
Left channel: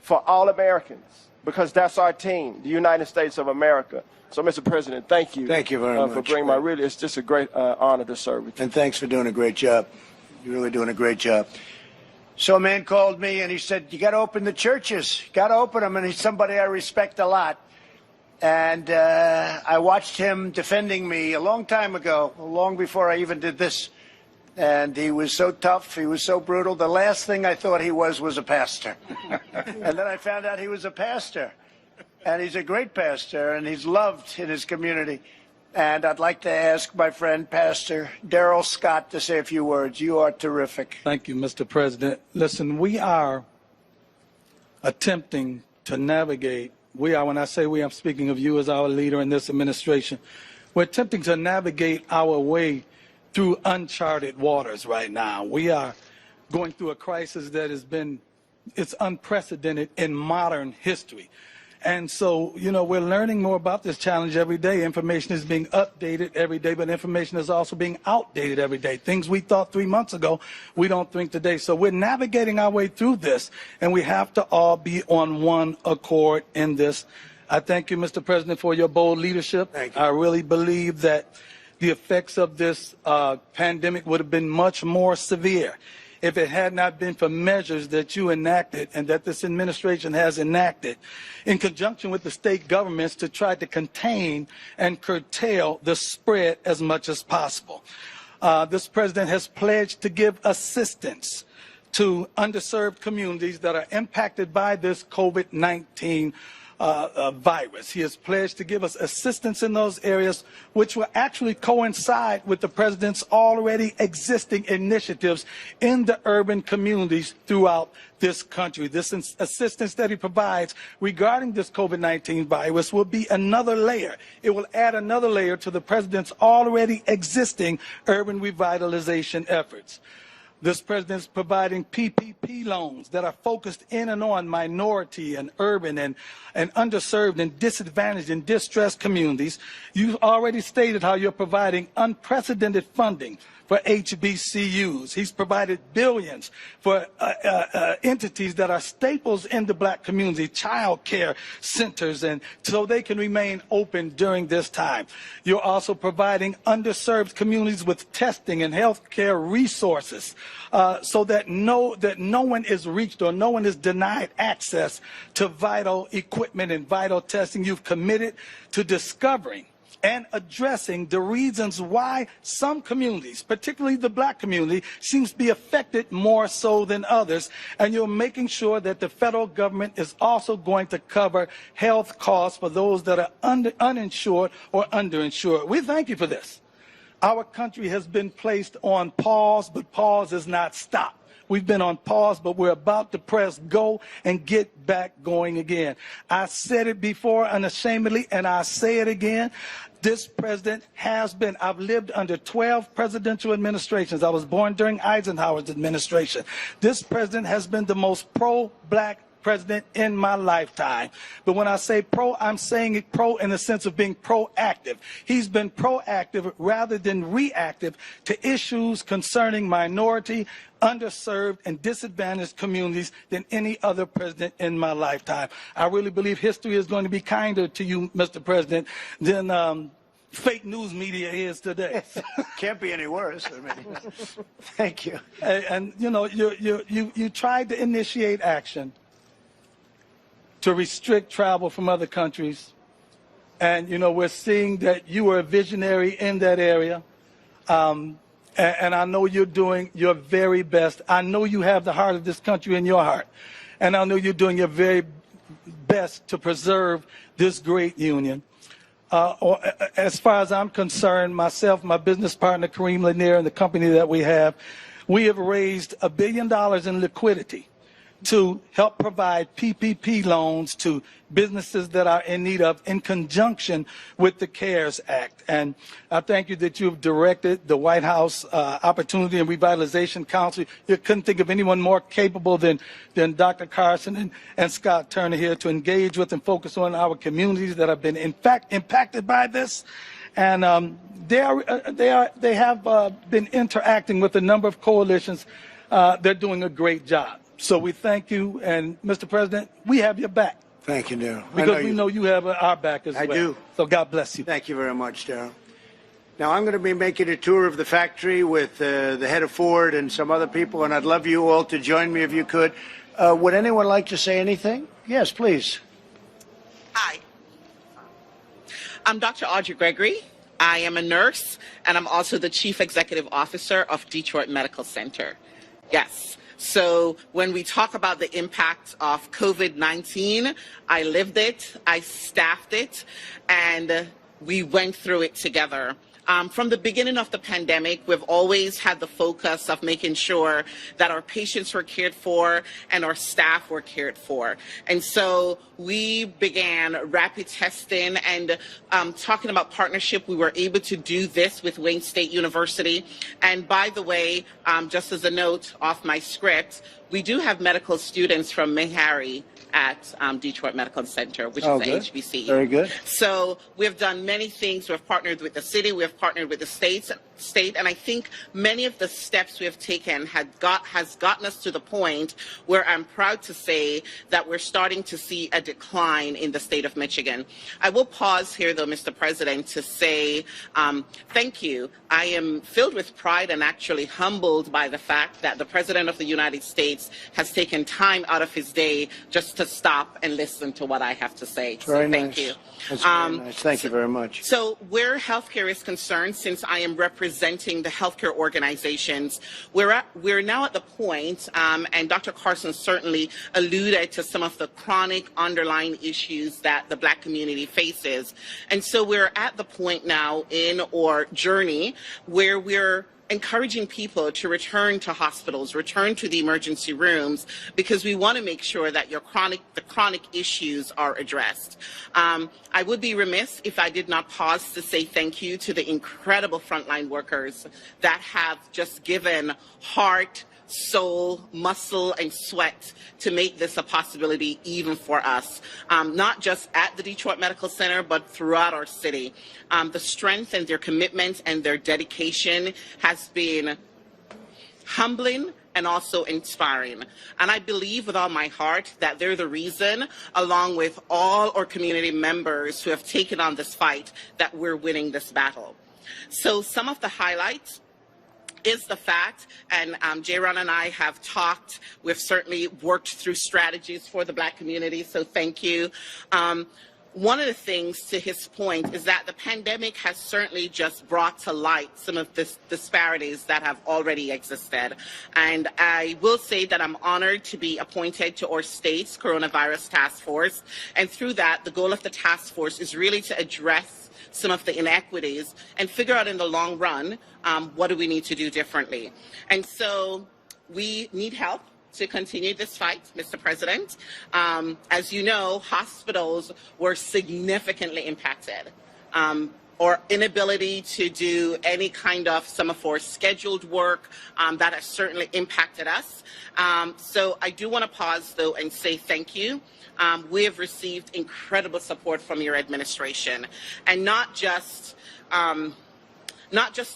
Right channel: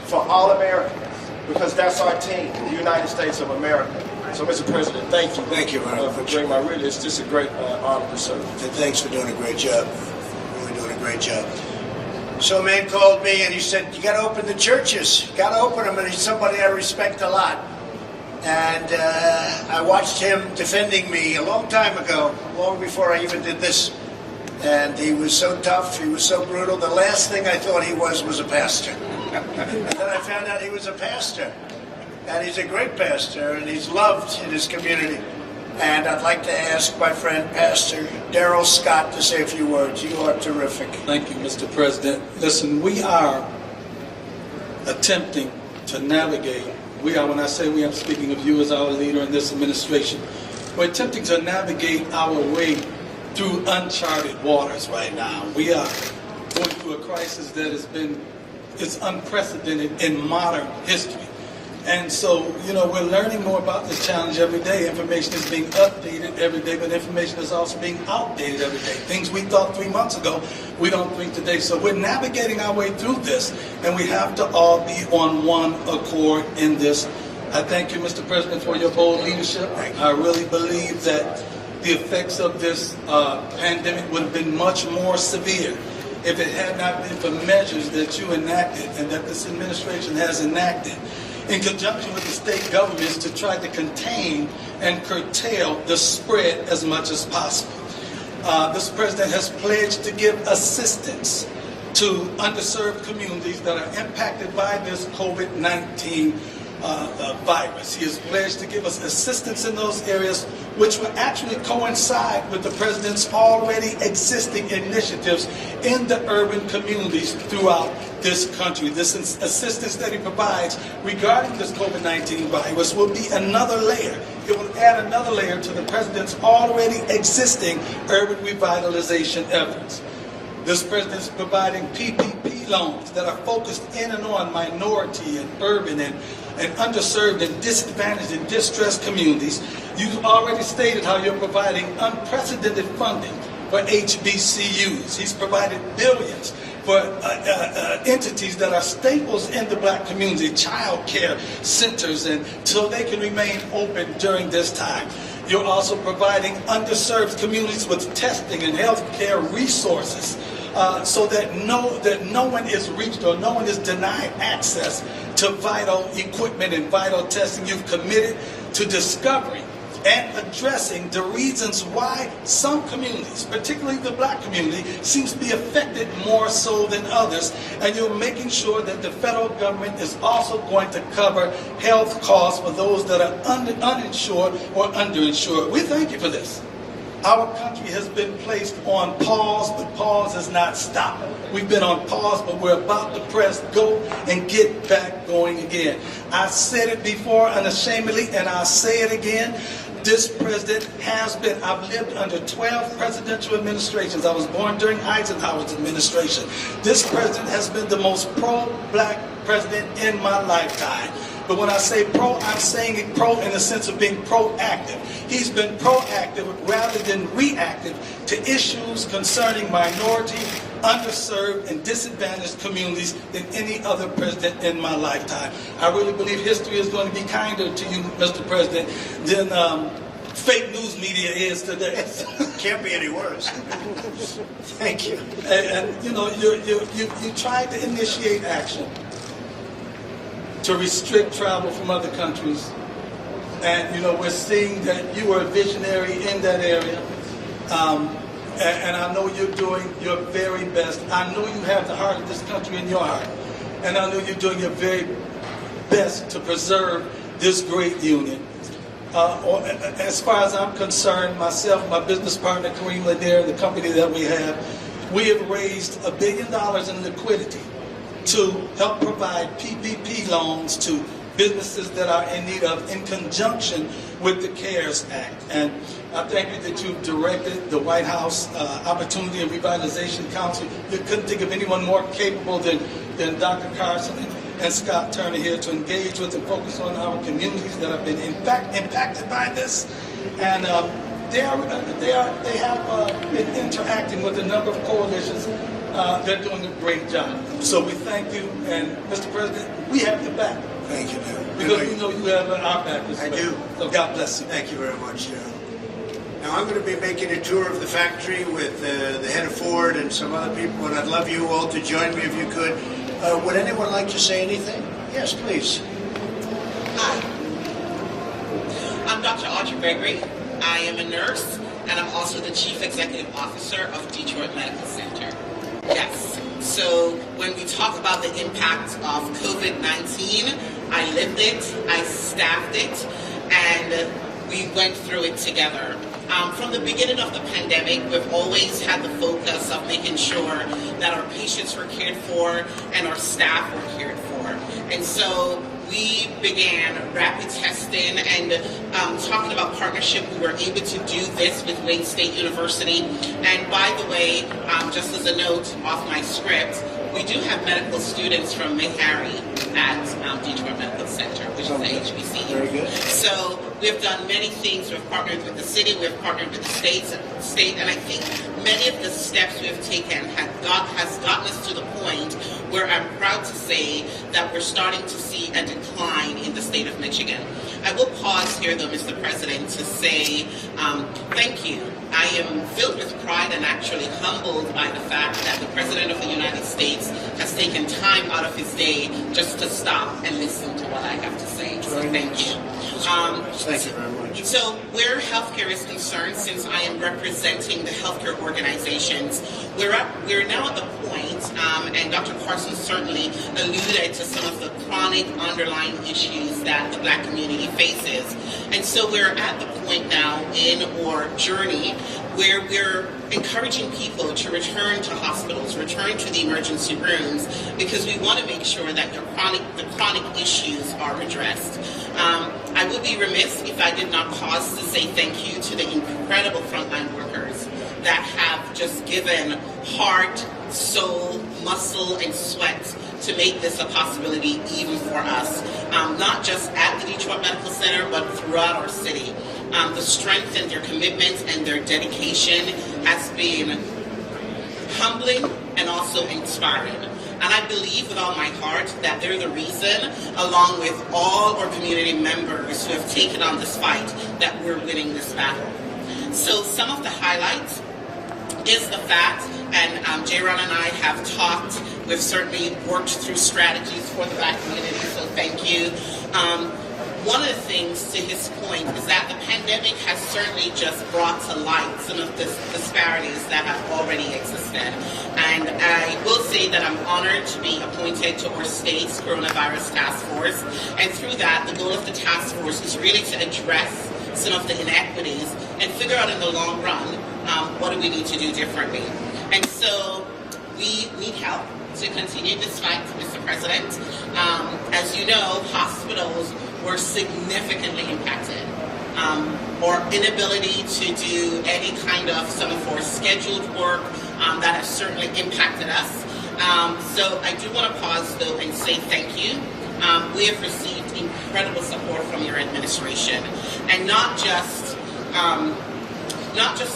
for all Americans, because that's our team, the United States of America. So, Mr. President, thank you. Thank you very much. For bringing my really, it's just a great honor to serve. And thanks for doing a great job. Really doing a great job. So a man called me and he said, you got to open the churches. Got to open them. And he's somebody I respect a lot. And I watched him defending me a long time ago, long before I even did this. And he was so tough, he was so brutal. The last thing I thought he was a pastor. And then I found out he was a pastor. And he's a great pastor, and he's loved in his community. And I'd like to ask my friend, Pastor Darrell Scott, to say a few words. You are terrific. Thank you, Mr. President. Listen, we are attempting to navigate. When I say we, I'm speaking of you as our leader in this administration. We're attempting to navigate our way through uncharted waters right now. We are going through a crisis that it's unprecedented in modern history. And so, you know, we're learning more about this challenge every day. Information is being updated every day, but information is also being outdated every day. Things we thought 3 months ago, we don't think today. So we're navigating our way through this, and we have to all be on one accord in this. I thank you, Mr. President, for your bold leadership. I really believe that the effects of this pandemic would have been much more severe if it had not been for measures that you enacted and that this administration has enacted in conjunction with the state governments to try to contain and curtail the spread as much as possible. This president has pledged to give assistance to underserved communities that are impacted by this COVID-19 virus. He has pledged to give us assistance in those areas, which will actually coincide with the president's already existing initiatives in the urban communities throughout this country. This assistance that he provides regarding this COVID-19 virus will be another layer. It will add another layer to the president's already existing urban revitalization efforts. This president is providing PPP loans that are focused in and on minority and urban and underserved and disadvantaged and distressed communities. You've already stated how you're providing unprecedented funding for HBCUs. He's provided billions for entities that are staples in the black community, child care centers, and so they can remain open during this time. You're also providing underserved communities with testing and health care resources so that no one is reached or no one is denied access to vital equipment and vital testing. You've committed to discovering and addressing the reasons why some communities, particularly the black community, seems to be affected more so than others. And you're making sure that the federal government is also going to cover health costs for those that are uninsured or underinsured. We thank you for this. Our country has been placed on pause, but pause is not stopped. We've been on pause, but we're about to press go and get back going again. I said it before unashamedly, and I'll say it again. This president has been, I've lived under 12 presidential administrations. I was born during Eisenhower's administration. This president has been the most pro-black president in my lifetime. But when I say pro, I'm saying it pro in the sense of being proactive. He's been proactive rather than reactive to issues concerning minority, underserved, and disadvantaged communities than any other president in my lifetime. I really believe history is going to be kinder to you, Mr. President, than fake news media is today. Can't be any worse. Thank you. And you know, you tried to initiate action to restrict travel from other countries. And, you know, we're seeing that you were a visionary in that area. And I know you're doing your very best. I know you have the heart of this country in your heart. And I know you're doing your very best to preserve this great union. As far as I'm concerned, myself, my business partner, Kareem Lanier, and the company that we have raised $1 billion in liquidity to help provide PPP loans to businesses that are in need of in conjunction with the CARES Act. And I thank you that you've directed the White House Opportunity and Revitalization Council. You couldn't think of anyone more capable than Dr. Carson and Scott Turner here to engage with and focus on our communities that have been impacted by this. And they have been interacting with a number of coalitions. They're doing a great job. So we thank you, and Mr. President, we have your back. Thank you, Darrell. Because we know you have our back as well. I do. So God bless you. Thank you very much, Darrell. Now I'm going to be making a tour of the factory with the head of Ford and some other people, and I'd love you all to join me if you could. Would anyone like to say anything? Yes, please. Hi. I'm Dr. Audrey Gregory. I am a nurse, and I'm also the Chief Executive Officer of Detroit Medical Center. Yes. So when we talk about the impact of COVID-19, I lived it, I staffed it, and we went through it together. From the beginning of the pandemic, we've always had the focus of making sure that our patients were cared for and our staff were cared for. And so we began rapid testing and talking about partnership. We were able to do this with Wayne State University. And by the way, just as a note off my script, we do have medical students from Meharry at Detroit Medical Center, which is the HBCU. Very good. So we've done many things. We've partnered with the city, we've partnered with the state, and I think many of the steps we have taken has gotten us to the point where I'm proud to say that we're starting to see a decline in the state of Michigan. I will pause here, though, Mr. President, to say thank you. I am filled with pride and actually humbled by the fact that the President of the United States has taken time out of his day just to stop and listen to what I have to say. So thank you. Thank you very much. So where healthcare is concerned, since I am representing the healthcare organizations, we're now at the point, and Dr. Carson certainly alluded to some of the chronic underlying issues that the Black community faces. And so we're at the point now in our journey where we're encouraging people to return to hospitals, return to the emergency rooms, because we want to make sure that the chronic issues are addressed. I would be remiss if I did not pause to say thank you to the incredible frontline workers that have just given heart, soul, muscle, and sweat to make this a possibility even for us, not just at the Detroit Medical Center, but throughout our city. The strength and their commitment and their dedication has been humbling and also inspiring. And I believe with all my heart that they're the reason, along with all our community members who have taken on this fight, that we're winning this battle. So some of the highlights is the fact, and J-Ron and I have talked, we've certainly worked through strategies for the Black community, so thank you. One of the things, to his point, is that the pandemic has certainly just brought to light some of the disparities that have already existed. And I will say that I'm honored to be appointed to our state's coronavirus task force. And through that, the goal of the task force is really to address some of the inequities and figure out in the long run, what do we need to do differently. And so we need help to continue this fight, Mr. President. As you know, hospitals were significantly impacted. Our inability to do any kind of some of our scheduled work, that has certainly impacted us. So I do want to pause though and say thank you. We have received incredible support from your administration, and not just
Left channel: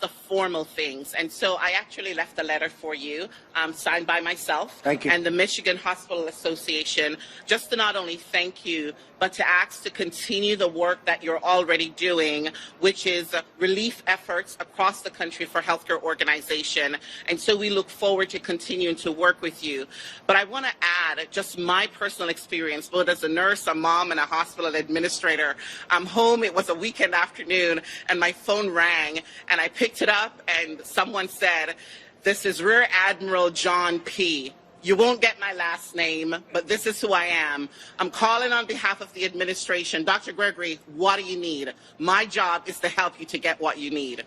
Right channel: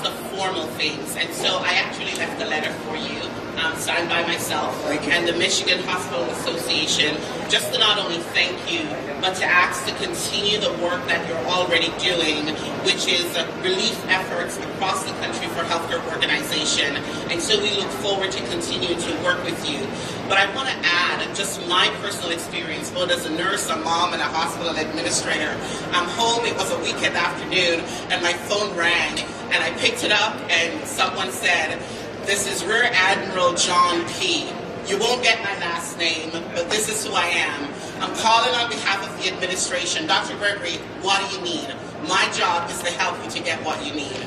the formal things. And so I actually left a letter for you, signed by myself and the Michigan Hospital Association, just to not only thank you, but to ask to continue the work that you're already doing, which is relief efforts across the country for healthcare organization. And so we look forward to continue to work with you. But I want to add just my personal experience, both as a nurse, a mom, and a hospital administrator. I'm home, it was a weekend afternoon, and my phone rang, and I picked it up, and someone said, "This is Rear Admiral John P. You won't get my last name, but this is who I am. I'm calling on behalf of the administration. Dr. Gregory, what do you need? My job is to help you to get what you need."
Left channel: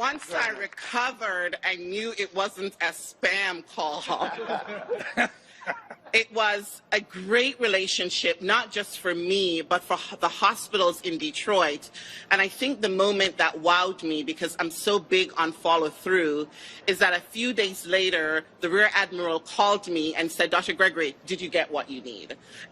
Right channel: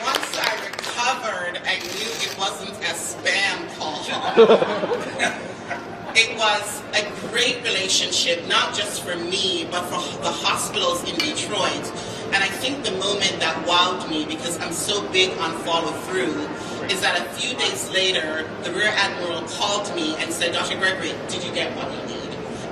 Once I recovered, I knew it wasn't a spam call. It was a great relationship, not just for me, but for the hospitals in Detroit. And I think the moment that wowed me, because I'm so big on follow through, is that a few days later, the Rear Admiral called me and said, Dr. Gregory, did you get what you need?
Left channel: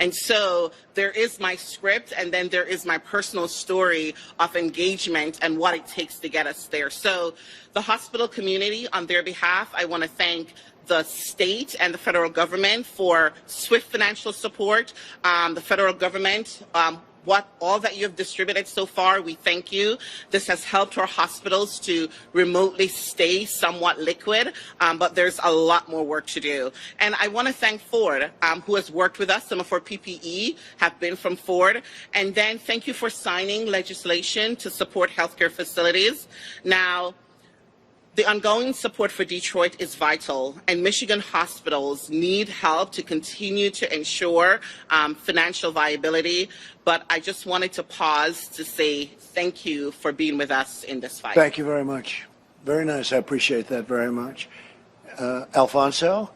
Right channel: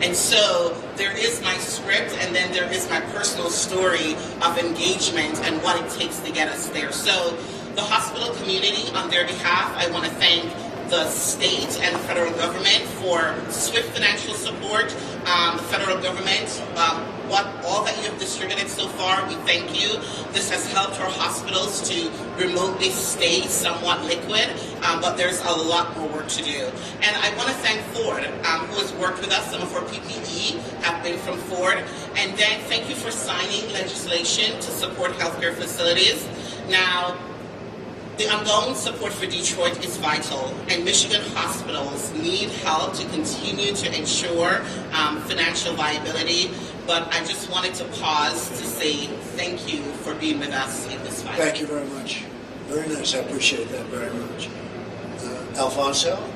And so there is my script, and then there is my personal story of engagement and what it takes to get us there. So the hospital community, on their behalf, I want to thank the state and the federal government for swift financial support. The federal government, all that you have distributed so far, we thank you. This has helped our hospitals to remotely stay somewhat liquid, but there's a lot more work to do. And I want to thank Ford, who has worked with us. Some of our PPE have been from Ford. And then thank you for signing legislation to support healthcare facilities. Now, the ongoing support for Detroit is vital, and Michigan hospitals need help to continue to ensure financial viability. But I just wanted to pause to say thank you for being with us in this fight. Thank you very much. Very nice. I appreciate that very much. Alfonso,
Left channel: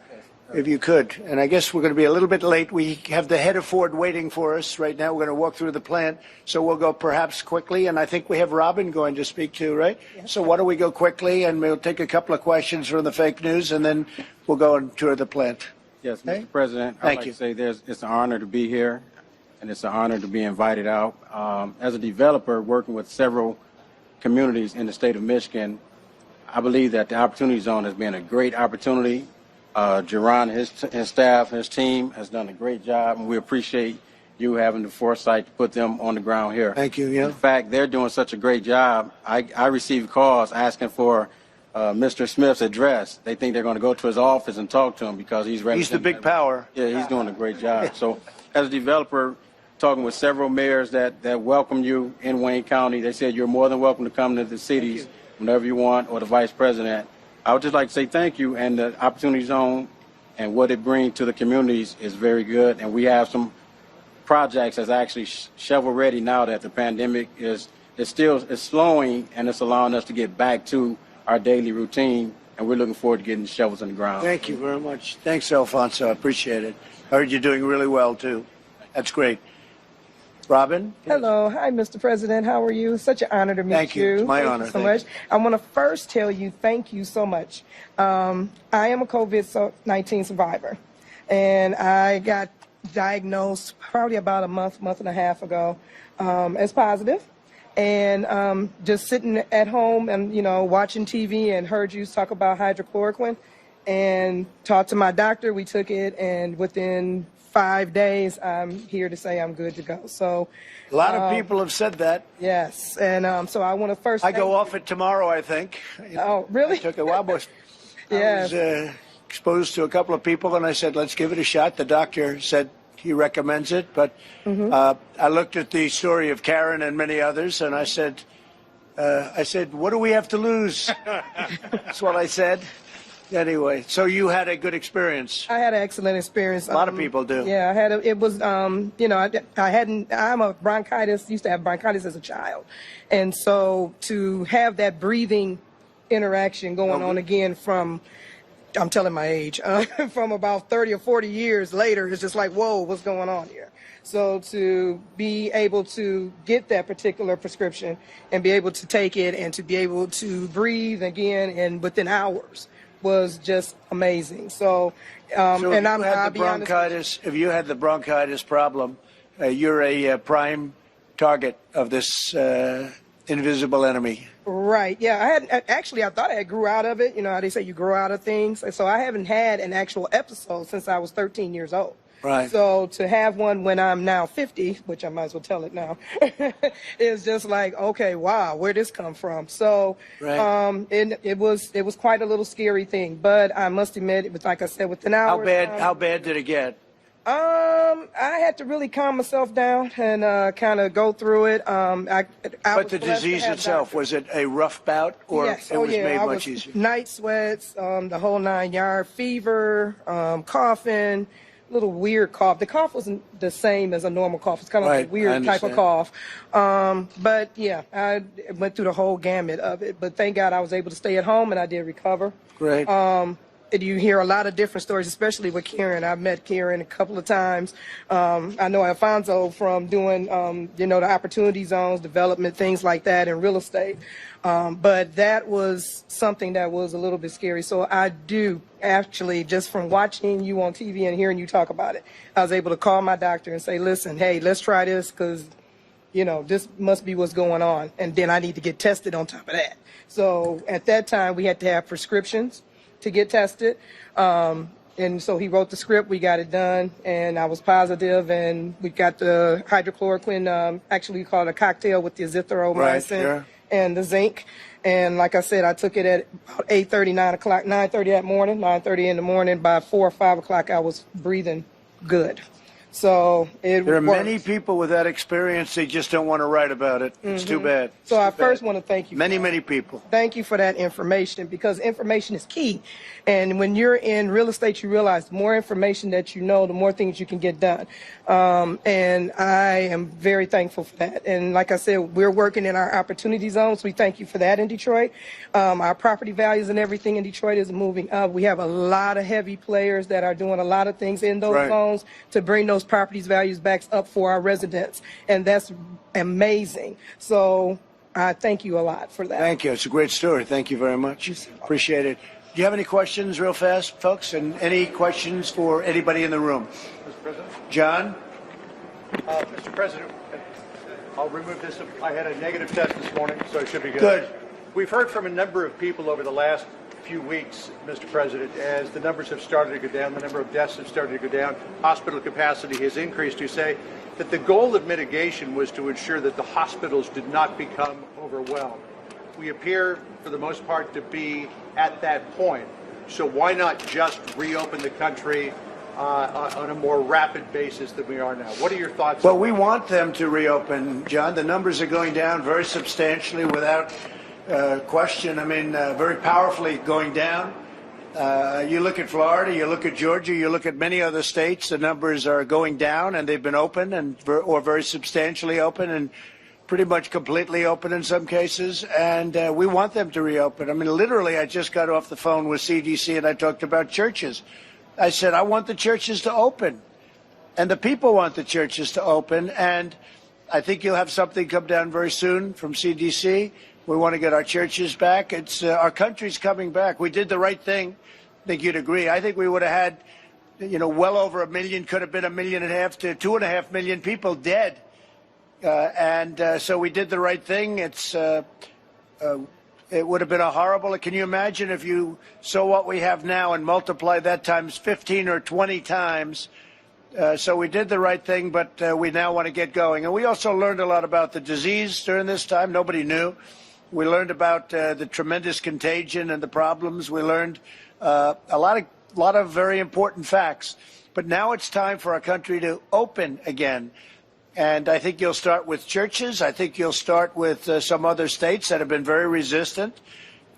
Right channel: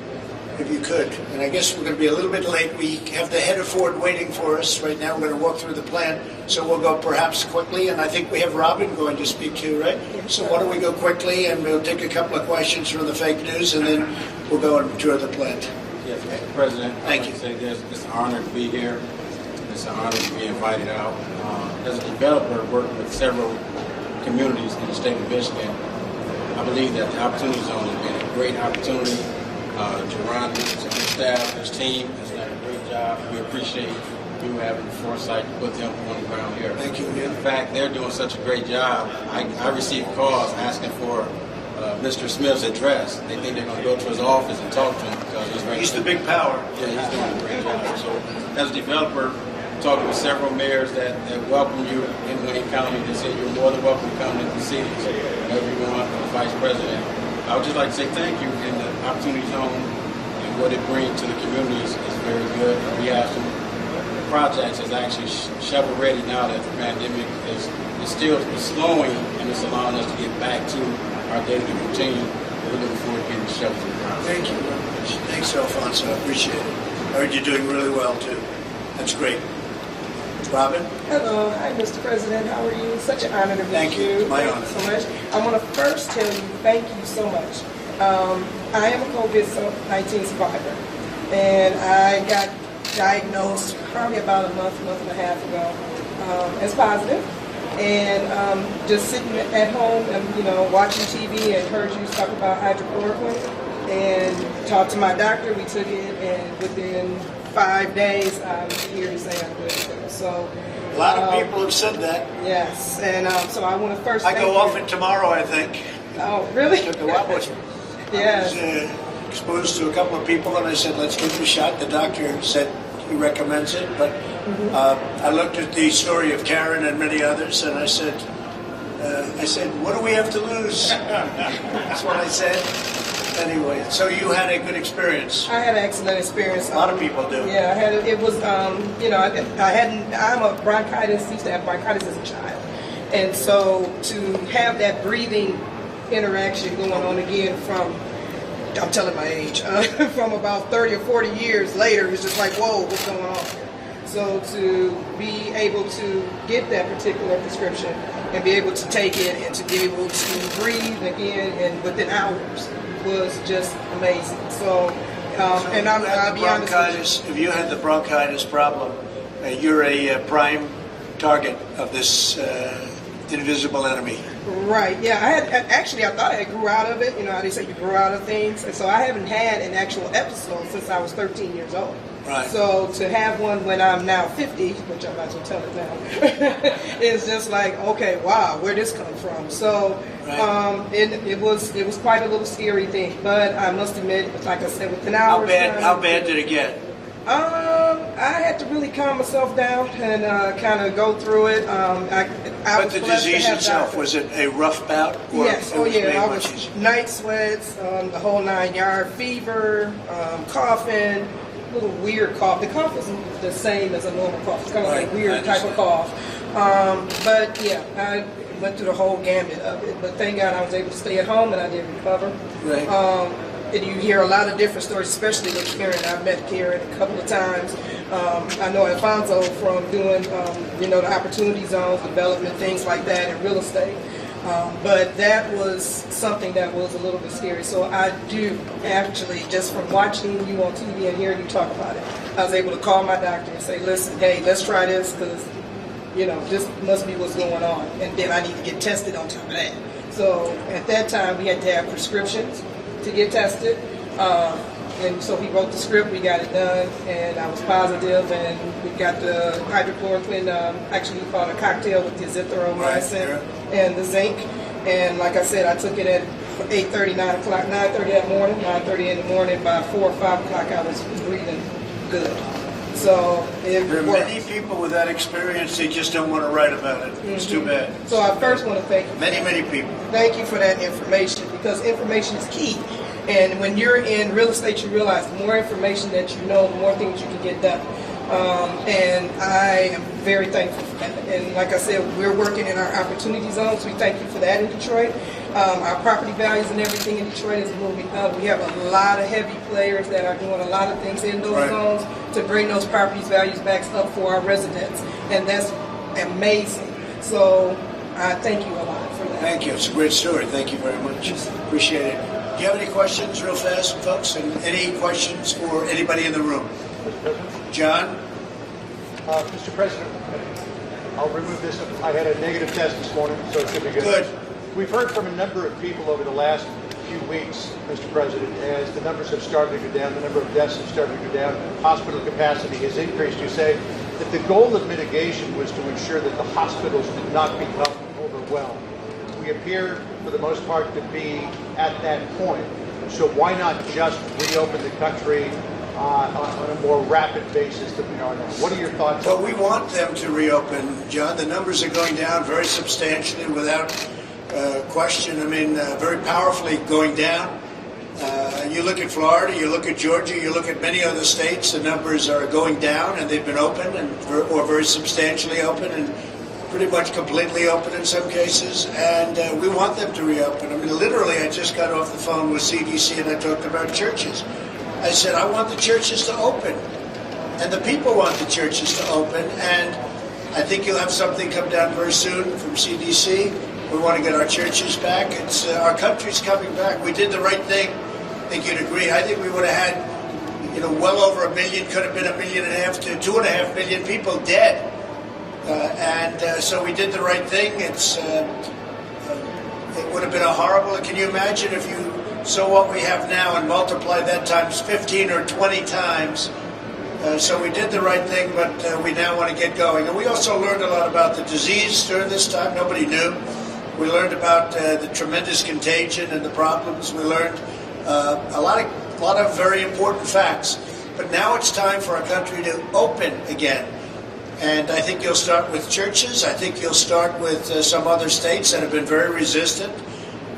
if you could. And I guess we're going to be a little bit late. We have the head of Ford waiting for us right now. We're going to walk through the plan, so we'll go perhaps quickly. And I think we have Robin going to speak too, right? So why don't we go quickly, and we'll take a couple of questions from the fake news, and then we'll go and tour the plant. Yes, Mr. President. Thank you. I'd like to say it's an honor to be here. It's an honor to be invited out. As a developer working with several communities in the state of Michigan, I believe that the Opportunity Zone has been a great opportunity. Jerron, his staff, his team has done a great job. We appreciate you having the foresight to put them on the ground here. Thank you, yeah. In fact, they're doing such a great job. I received calls asking for Mr. Smith's address. They think they're going to go to his office and talk to him because he's ready. He's the big power. Yeah, he's doing a great job. So, as a developer, talking with several mayors that welcome you in Wayne County, they said you're more than welcome to come to the cities whenever you want, or the Vice President. I would just like to say thank you, and the Opportunity Zone and what it brings to the communities is very good. And we have some projects that's actually shovel ready now that the pandemic is slowing, and it's allowing us to get back to our daily routine. And we're looking forward to getting the shovels on the ground. Thank you very much. Thanks, Alfonso. I appreciate it. I heard you're doing really well, too. That's great. Robin? Hello. Hi, Mr. President. How are you? Such an honor to meet you. Thank you. It's my honor. Thank you so much. I want to first tell you thank you so much. I am a COVID-19 survivor, and I got diagnosed probably about a month and a half ago as positive. And just sitting at home and, watching TV and heard you talk about hydrochloroquine and talked to my doctor. We took it, and within 5 days, I'm here to say I'm good to go. So A lot of people have said that. yes, and so I want to first. I thank go you. off it tomorrow, I think. Oh, really? Took a while, but Yes. I was exposed to a couple of people, and I said, let's give it a shot. The doctor said he recommends it, but I looked at the story of Karen and many others, and I said, what do we have to lose? That's what I said. Anyway, so you had a good experience. I had an excellent experience. A lot of people do. Yeah, I had. It was, I hadn't. I'm a bronchitis. Used to have bronchitis as a child, and so to have that breathing interaction going on again from, I'm telling my age, from about 30 or 40 years later, it's just like, whoa, what's going on here? So to be able to get that particular prescription and be able to take it and to be able to breathe again and within hours was just amazing. So, and I'll be honest with you. If you had the bronchitis problem, you're a prime target of this invisible enemy. Right. Yeah. I thought I grew out of it. You know how they say you grow out of things, and so I haven't had an actual episode since I was 13 years old. Right. So to have one when I'm now 50, which I might as well tell it now, is just like, okay, wow, where'd this come from? So right. It was quite a little scary thing, but I must admit, it was like I said, within hours. How bad did it get? I had to really calm myself down and kind of go through it. But the disease itself, was it a rough bout? Or yes, it was made I much was easier? night sweats, the whole 9 yard, fever, coughing, little weird cough. The cough wasn't the same as a normal cough. It's kind of like a weird type of cough. But yeah, I went through the whole gamut of it. But thank God I was able to stay at home and I did recover. Right. and you hear a lot of different stories, especially with Karen. I've met Karen a couple of times. I know Alfonso from doing, the opportunity zones, development, things like that in real estate. But that was something that was a little bit scary. So I do actually, just from watching you on TV and hearing you talk about it, I was able to call my doctor and say, listen, hey, let's try this because, this must be what's going on. And then I need to get tested on top of that. So at that time, we had to have prescriptions to get tested. And so he wrote the script, we got it done, and I was positive, and we got the hydrochloroquine, actually we called a cocktail with the azithromycin and the zinc. And like I said, I took it at 8:30, 9 o'clock, 9:30 that morning, 9:30 in the morning. By 4 or 5 o'clock, I was breathing good. So there are many people with that experience, they just don't want to write about it. It's too bad. So I first want to thank you. Many people. Thank you for that information, because information is key. And when you're in real estate, you realize the more information that you know, the more things you can get done. And I am very thankful for that. And like I said, we're working in our opportunity zones. We thank you for that in Detroit. Our property values and everything in Detroit is moving up. We have a lot of heavy players that are doing a lot of things in those zones to bring those property values back up for our residents. And that's amazing. So I thank you a lot for that. Thank you. It's a great story. Thank you very much. Appreciate it. Do you have any questions real fast, folks? And any questions for anybody in the room? John? Mr. President, I'll remove this. I had a negative test this morning, so it should be good. Good. We've heard from a number of people over the last few weeks, Mr. President, as the numbers have started to go down, the number of deaths have started to go down, hospital capacity has increased. You say that the goal of mitigation was to ensure that the hospitals did not become overwhelmed. We appear, for the most part, to be at that point. So why not just reopen the country on a more rapid basis than we are now? What are your thoughts? Well, we want them to reopen, John. The numbers are going down very substantially without question. I mean, very powerfully going down. You look at Florida, you look at Georgia, you look at many other states, the numbers are going down, and they've been open or very substantially open and pretty much completely open in some cases, and we want them to reopen. I mean, literally, I just got off the phone with CDC and I talked about churches. I said, I want the churches to open, and the people want the churches to open, and I think you'll have something come down very soon from CDC. We want to get our churches back. It's our country's coming back. We did the right thing. I think you'd agree. I think we would have had, well over 1 million, could have been 1.5 million to 2.5 million people dead. So we did the right thing. It would have been a horrible. Can you imagine if you saw what we have now and multiply that times 15 or 20 times? So we did the right thing, but we now want to get going. And we also learned a lot about the disease during this time. Nobody knew. We learned about the tremendous contagion and the problems. We learned a lot of very important facts. But now it's time for our country to open again. And I think you'll start with churches. I think you'll start with some other states that have been very resistant.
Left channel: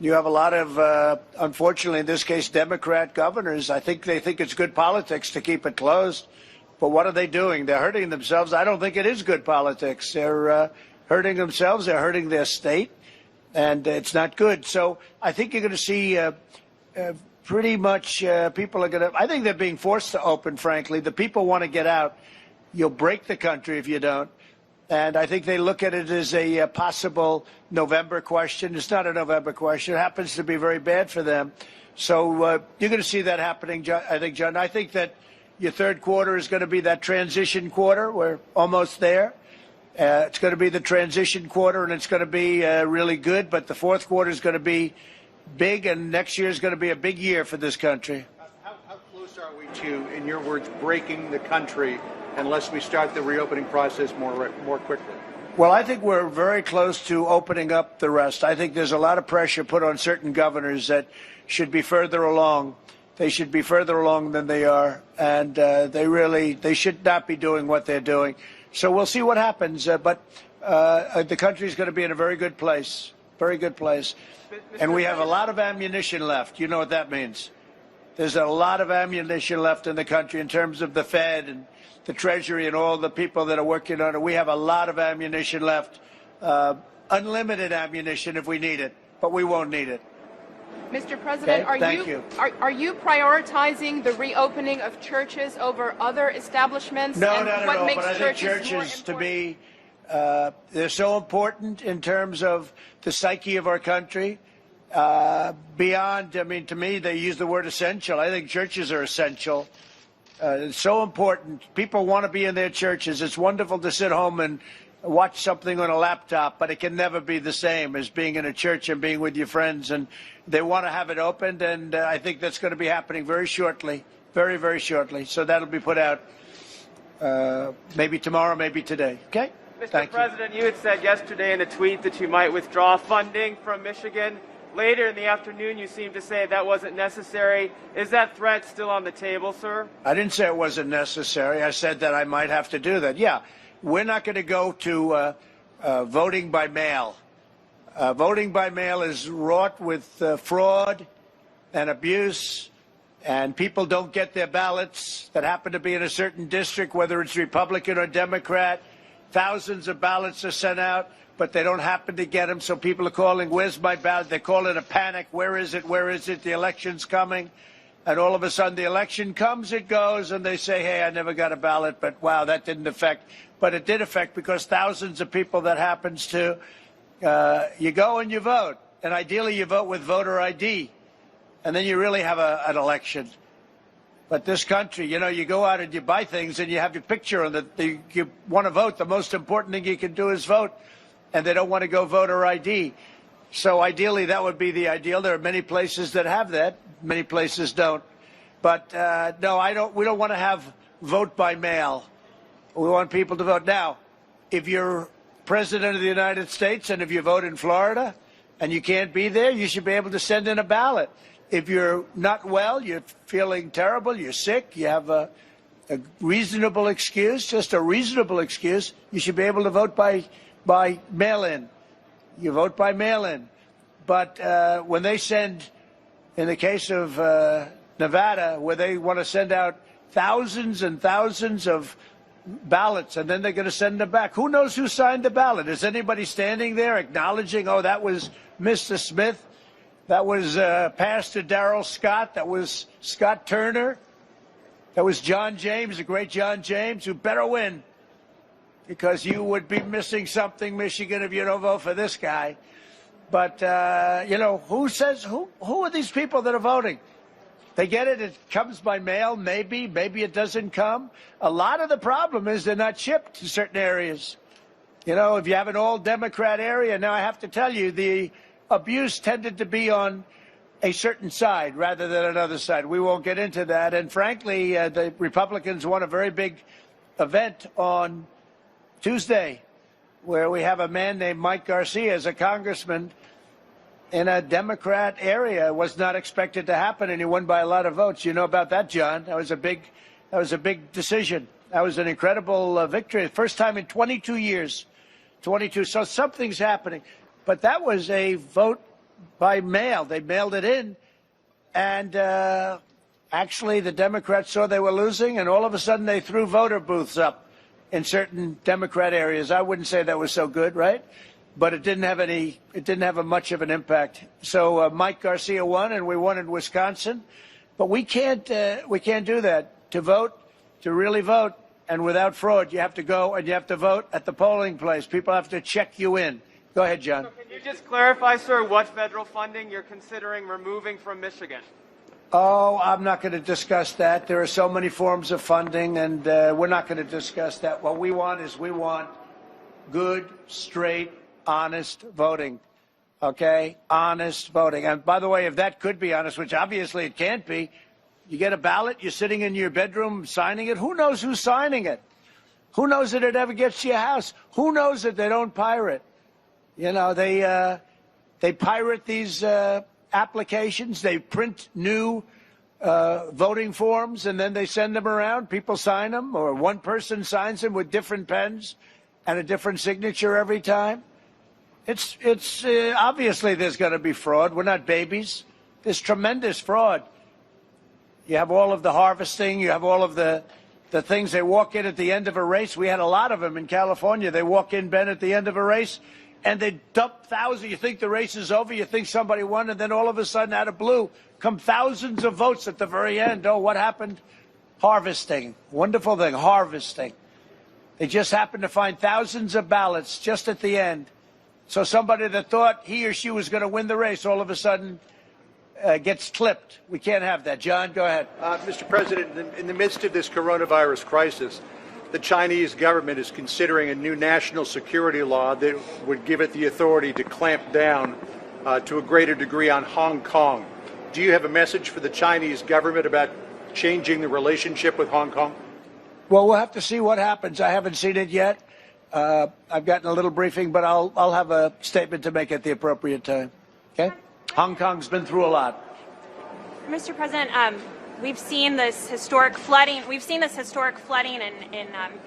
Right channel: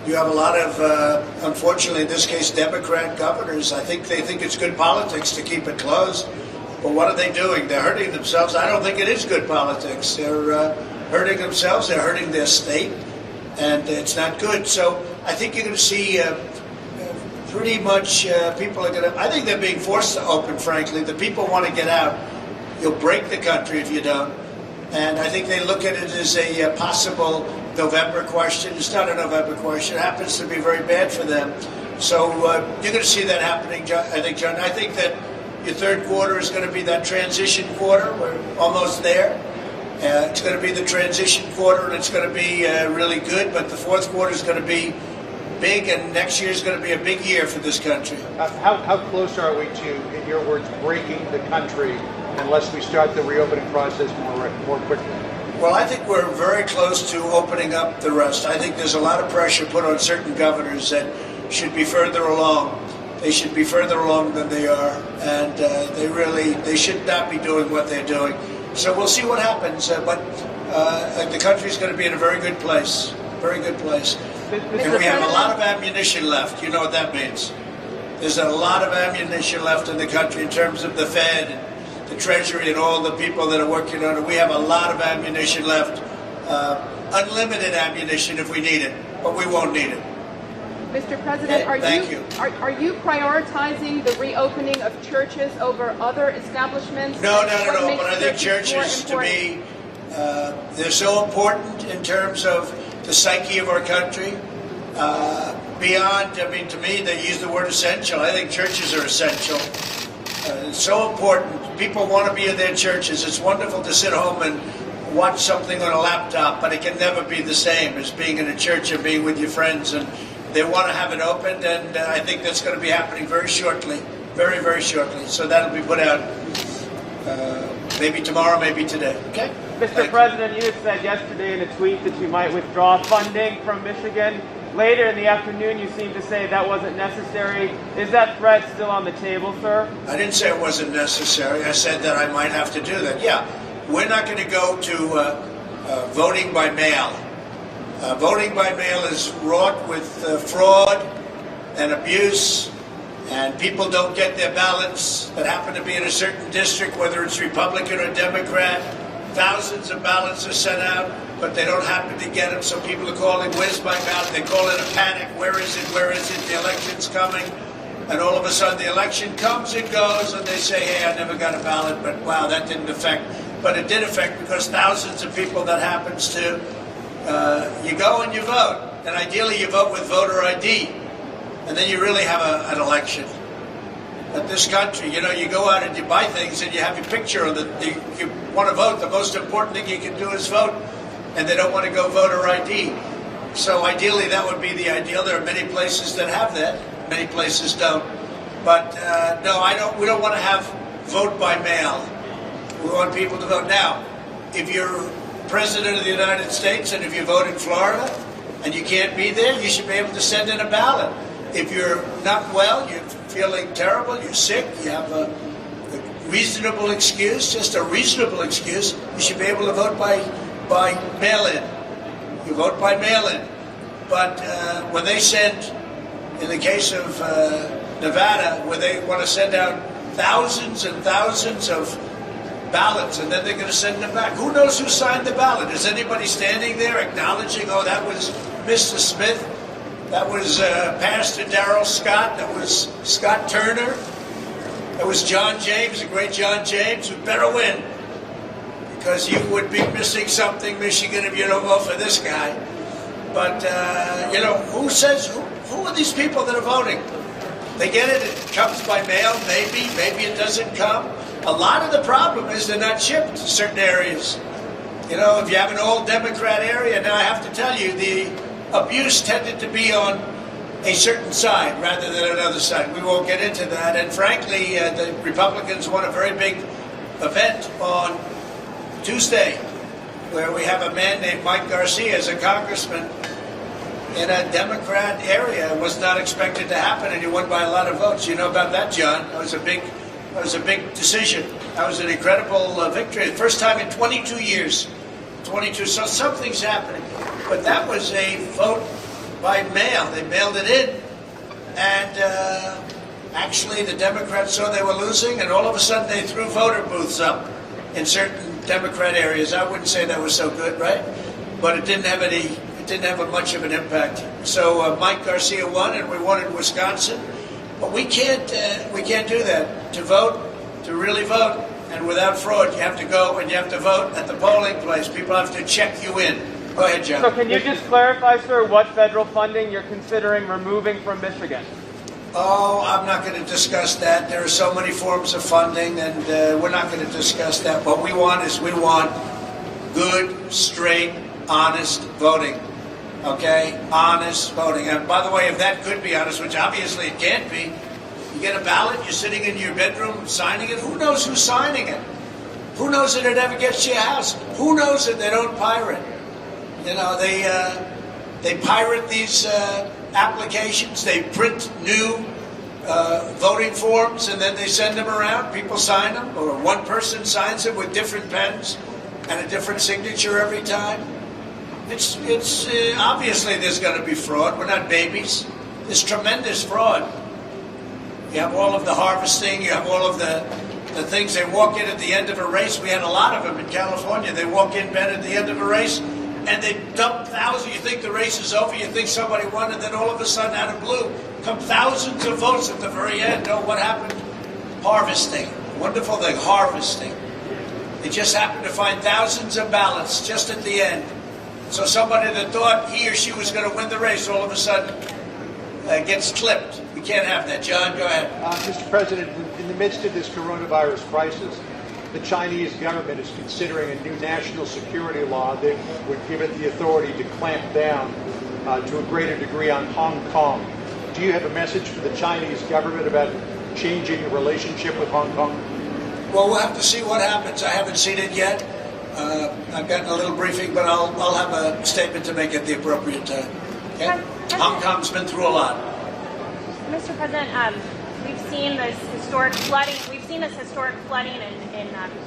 You have a lot of, unfortunately in this case, Democrat governors. I think they think it's good politics to keep it closed. But what are they doing? They're hurting themselves. I don't think it is good politics. They're hurting themselves. They're hurting their state. And it's not good. So I think you're going to see pretty much people are going to, I think they're being forced to open, frankly. The people want to get out. You'll break the country if you don't. And I think they look at it as a possible November question. It's not a November question. It happens to be very bad for them. So you're going to see that happening, I think, John. I think that your third quarter is going to be that transition quarter. We're almost there. It's going to be the transition quarter, and it's going to be really good. But the fourth quarter is going to be big, and next year is going to be a big year for this country. How close are we to, in your words, breaking the country unless we start the reopening process more quickly? Well, I think we're very close to opening up the rest. I think there's a lot of pressure put on certain governors that should be further along. They should be further along than they are, and they should not be doing what they're doing. So we'll see what happens, but the country's going to be in a very good place, And we have a lot of ammunition left. You know what that means. There's a lot of ammunition left in the country in terms of the Fed and the Treasury and all the people that are working on it. We have a lot of ammunition left, unlimited ammunition if we need it, but we won't need it. Mr. President, Thank you. Are you prioritizing the reopening of churches over other establishments? No. What But makes I think churches more churches, to important? me, they're so important in terms of the psyche of our country. Beyond, I mean, to me, they use the word essential. I think churches are essential. It's so important. People want to be in their churches. It's wonderful to sit home and watch something on a laptop, but it can never be the same as being in a church and being with your friends. And they want to have it opened, and I think that's going to be happening very shortly, very, very shortly. So that'll be put out maybe tomorrow, maybe today. Okay? Mr. President, you had said yesterday in a tweet that you might withdraw funding from Michigan. Later in the afternoon, you seemed to say that wasn't necessary. Is that threat still on the table, sir? I didn't say it wasn't necessary. I said that I might have to do that. Yeah, we're not going to go to voting by mail. Voting by mail is wrought with fraud and abuse, and people don't get their ballots that happen to be in a certain district, whether it's Republican or Democrat. Thousands of ballots are sent out, but they don't happen to get them, so people are calling, where's my ballot? They call it a panic. Where is it? Where is it? The election's coming. And all of a sudden the election comes, it goes, and they say, hey, I never got a ballot, but wow, that didn't affect. But it did affect because thousands of people that happens to, you go and you vote. And ideally you vote with voter ID. And then you really have an election. But this country, you know, you go out and you buy things and you have your picture on it. You want to vote. The most important thing you can do is vote. And they don't want to go voter ID. So ideally that would be the ideal. There are many places that have that. Many places don't. But no, we don't want to have vote by mail. We want people to vote. Now, if you're President of the United States and if you vote in Florida and you can't be there, you should be able to send in a ballot. If you're not well, you're feeling terrible, you're sick, you have a reasonable excuse, just a reasonable excuse, you should be able to vote by mail-in. You vote by mail-in. But when they send, in the case of Nevada, where they want to send out thousands and thousands of ballots, and then they're going to send them back. Who knows who signed the ballot? Is anybody standing there acknowledging, oh, that was Mr. Smith? That was Pastor Darrell Scott. That was Scott Turner. That was John James, the great John James, who better win. Because you would be missing something, Michigan, if you don't vote for this guy. But, you know, who are these people that are voting? They get it, it comes by mail, maybe it doesn't come. A lot of the problem is they're not shipped to certain areas. You know, if you have an old Democrat area, now I have to tell you, the abuse tended to be on a certain side rather than another side. We won't get into that. And frankly, the Republicans won a very big event on Tuesday where we have a man named Mike Garcia as a congressman in a Democrat area. It was not expected to happen, and he won by a lot of votes. You know about that, John. That was a big decision. That was an incredible victory. The first time in 22 years. 22. So something's happening. But that was a vote by mail. They mailed it in. And actually the Democrats saw they were losing, and all of a sudden they threw voter booths up in certain Democrat areas. I wouldn't say that was so good, right? But it didn't have much of an impact. So Mike Garcia won, and we won in Wisconsin. But we can't do that. To vote, to really vote, and without fraud, you have to go and you have to vote at the polling place. People have to check you in. Go ahead, John. So can you just clarify, sir, what federal funding you're considering removing from Michigan? Oh, I'm not going to discuss that. There are so many forms of funding, and we're not going to discuss that. What we want is we want good, straight, honest voting. Okay? Honest voting. And by the way, if that could be honest, which obviously it can't be, you get a ballot, you're sitting in your bedroom signing it. Who knows who's signing it? Who knows that it ever gets to your house? Who knows that they don't pirate? You know, they pirate these applications. They print new voting forms, and then they send them around. People sign them, or one person signs them with different pens and a different signature every time. It's obviously there's going to be fraud. We're not babies. There's tremendous fraud. You have all of the harvesting. You have all of the things. They walk in at the end of a race. We had a lot of them in California. They walk in, Ben, at the end of a race, and they dump thousands. You think the race is over, you think somebody won, and then all of a sudden, out of blue, come thousands of votes at the very end. Oh, what happened? Harvesting. Wonderful thing, harvesting. They just happened to find thousands of ballots just at the end. So somebody that thought he or she was going to win the race all of a sudden gets clipped. We can't have that. John, go ahead. Mr. President, in the midst of this coronavirus crisis, the Chinese government is considering a new national security law that would give it the authority to clamp down to a greater degree on Hong Kong. Do you have a message for the Chinese government about changing the relationship with Hong Kong? Well, we'll have to see what happens. I haven't seen it yet. I've gotten a little briefing, but I'll have a statement to make at the appropriate time. Okay? Hong Kong's been through a lot. Mr. President, we've seen this historic flooding. We've seen this historic flooding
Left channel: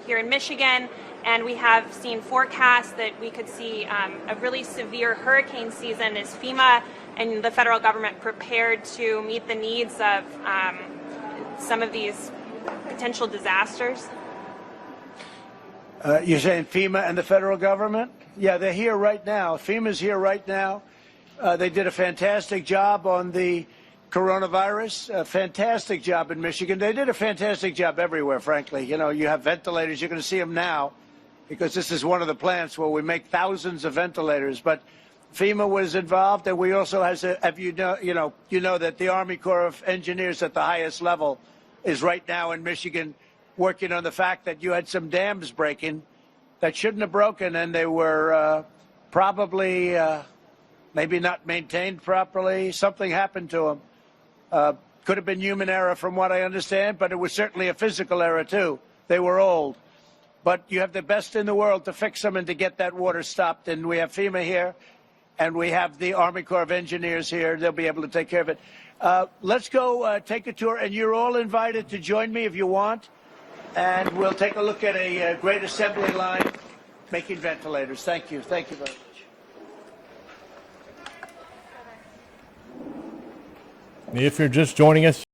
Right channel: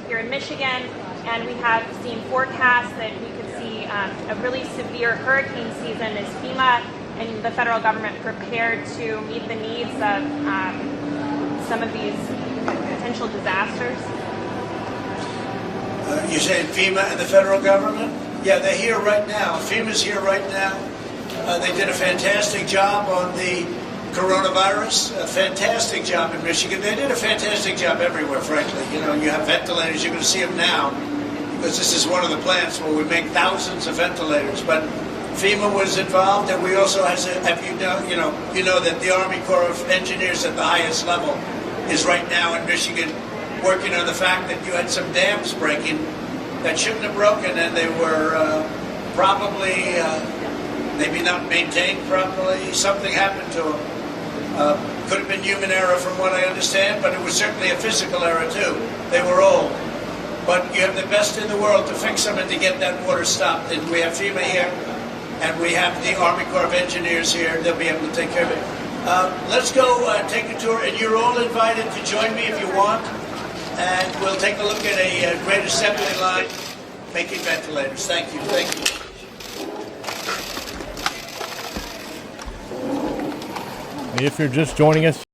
here in Michigan, and we have seen forecasts that we could see a really severe hurricane season. Is FEMA and the federal government prepared to meet the needs of some of these potential disasters? You're saying FEMA and the federal government? Yeah, they're here right now. FEMA's here right now. They did a fantastic job on the coronavirus, a fantastic job in Michigan. They did a fantastic job everywhere, frankly. You know, you have ventilators, you're going to see them now, because this is one of the plants where we make thousands of ventilators. But FEMA was involved, and we also have you know that the Army Corps of Engineers at the highest level is right now in Michigan working on the fact that you had some dams breaking that shouldn't have broken, and they were probably maybe not maintained properly. Something happened to them. Could have been human error from what I understand, but it was certainly a physical error too. They were old. But you have the best in the world to fix them and to get that water stopped. And we have FEMA here, and we have the Army Corps of Engineers here. They'll be able to take care of it. Let's go take a tour, and you're all invited to join me if you want. And we'll take a look at a great assembly line making ventilators. Thank you. Thank you. If you're just joining us,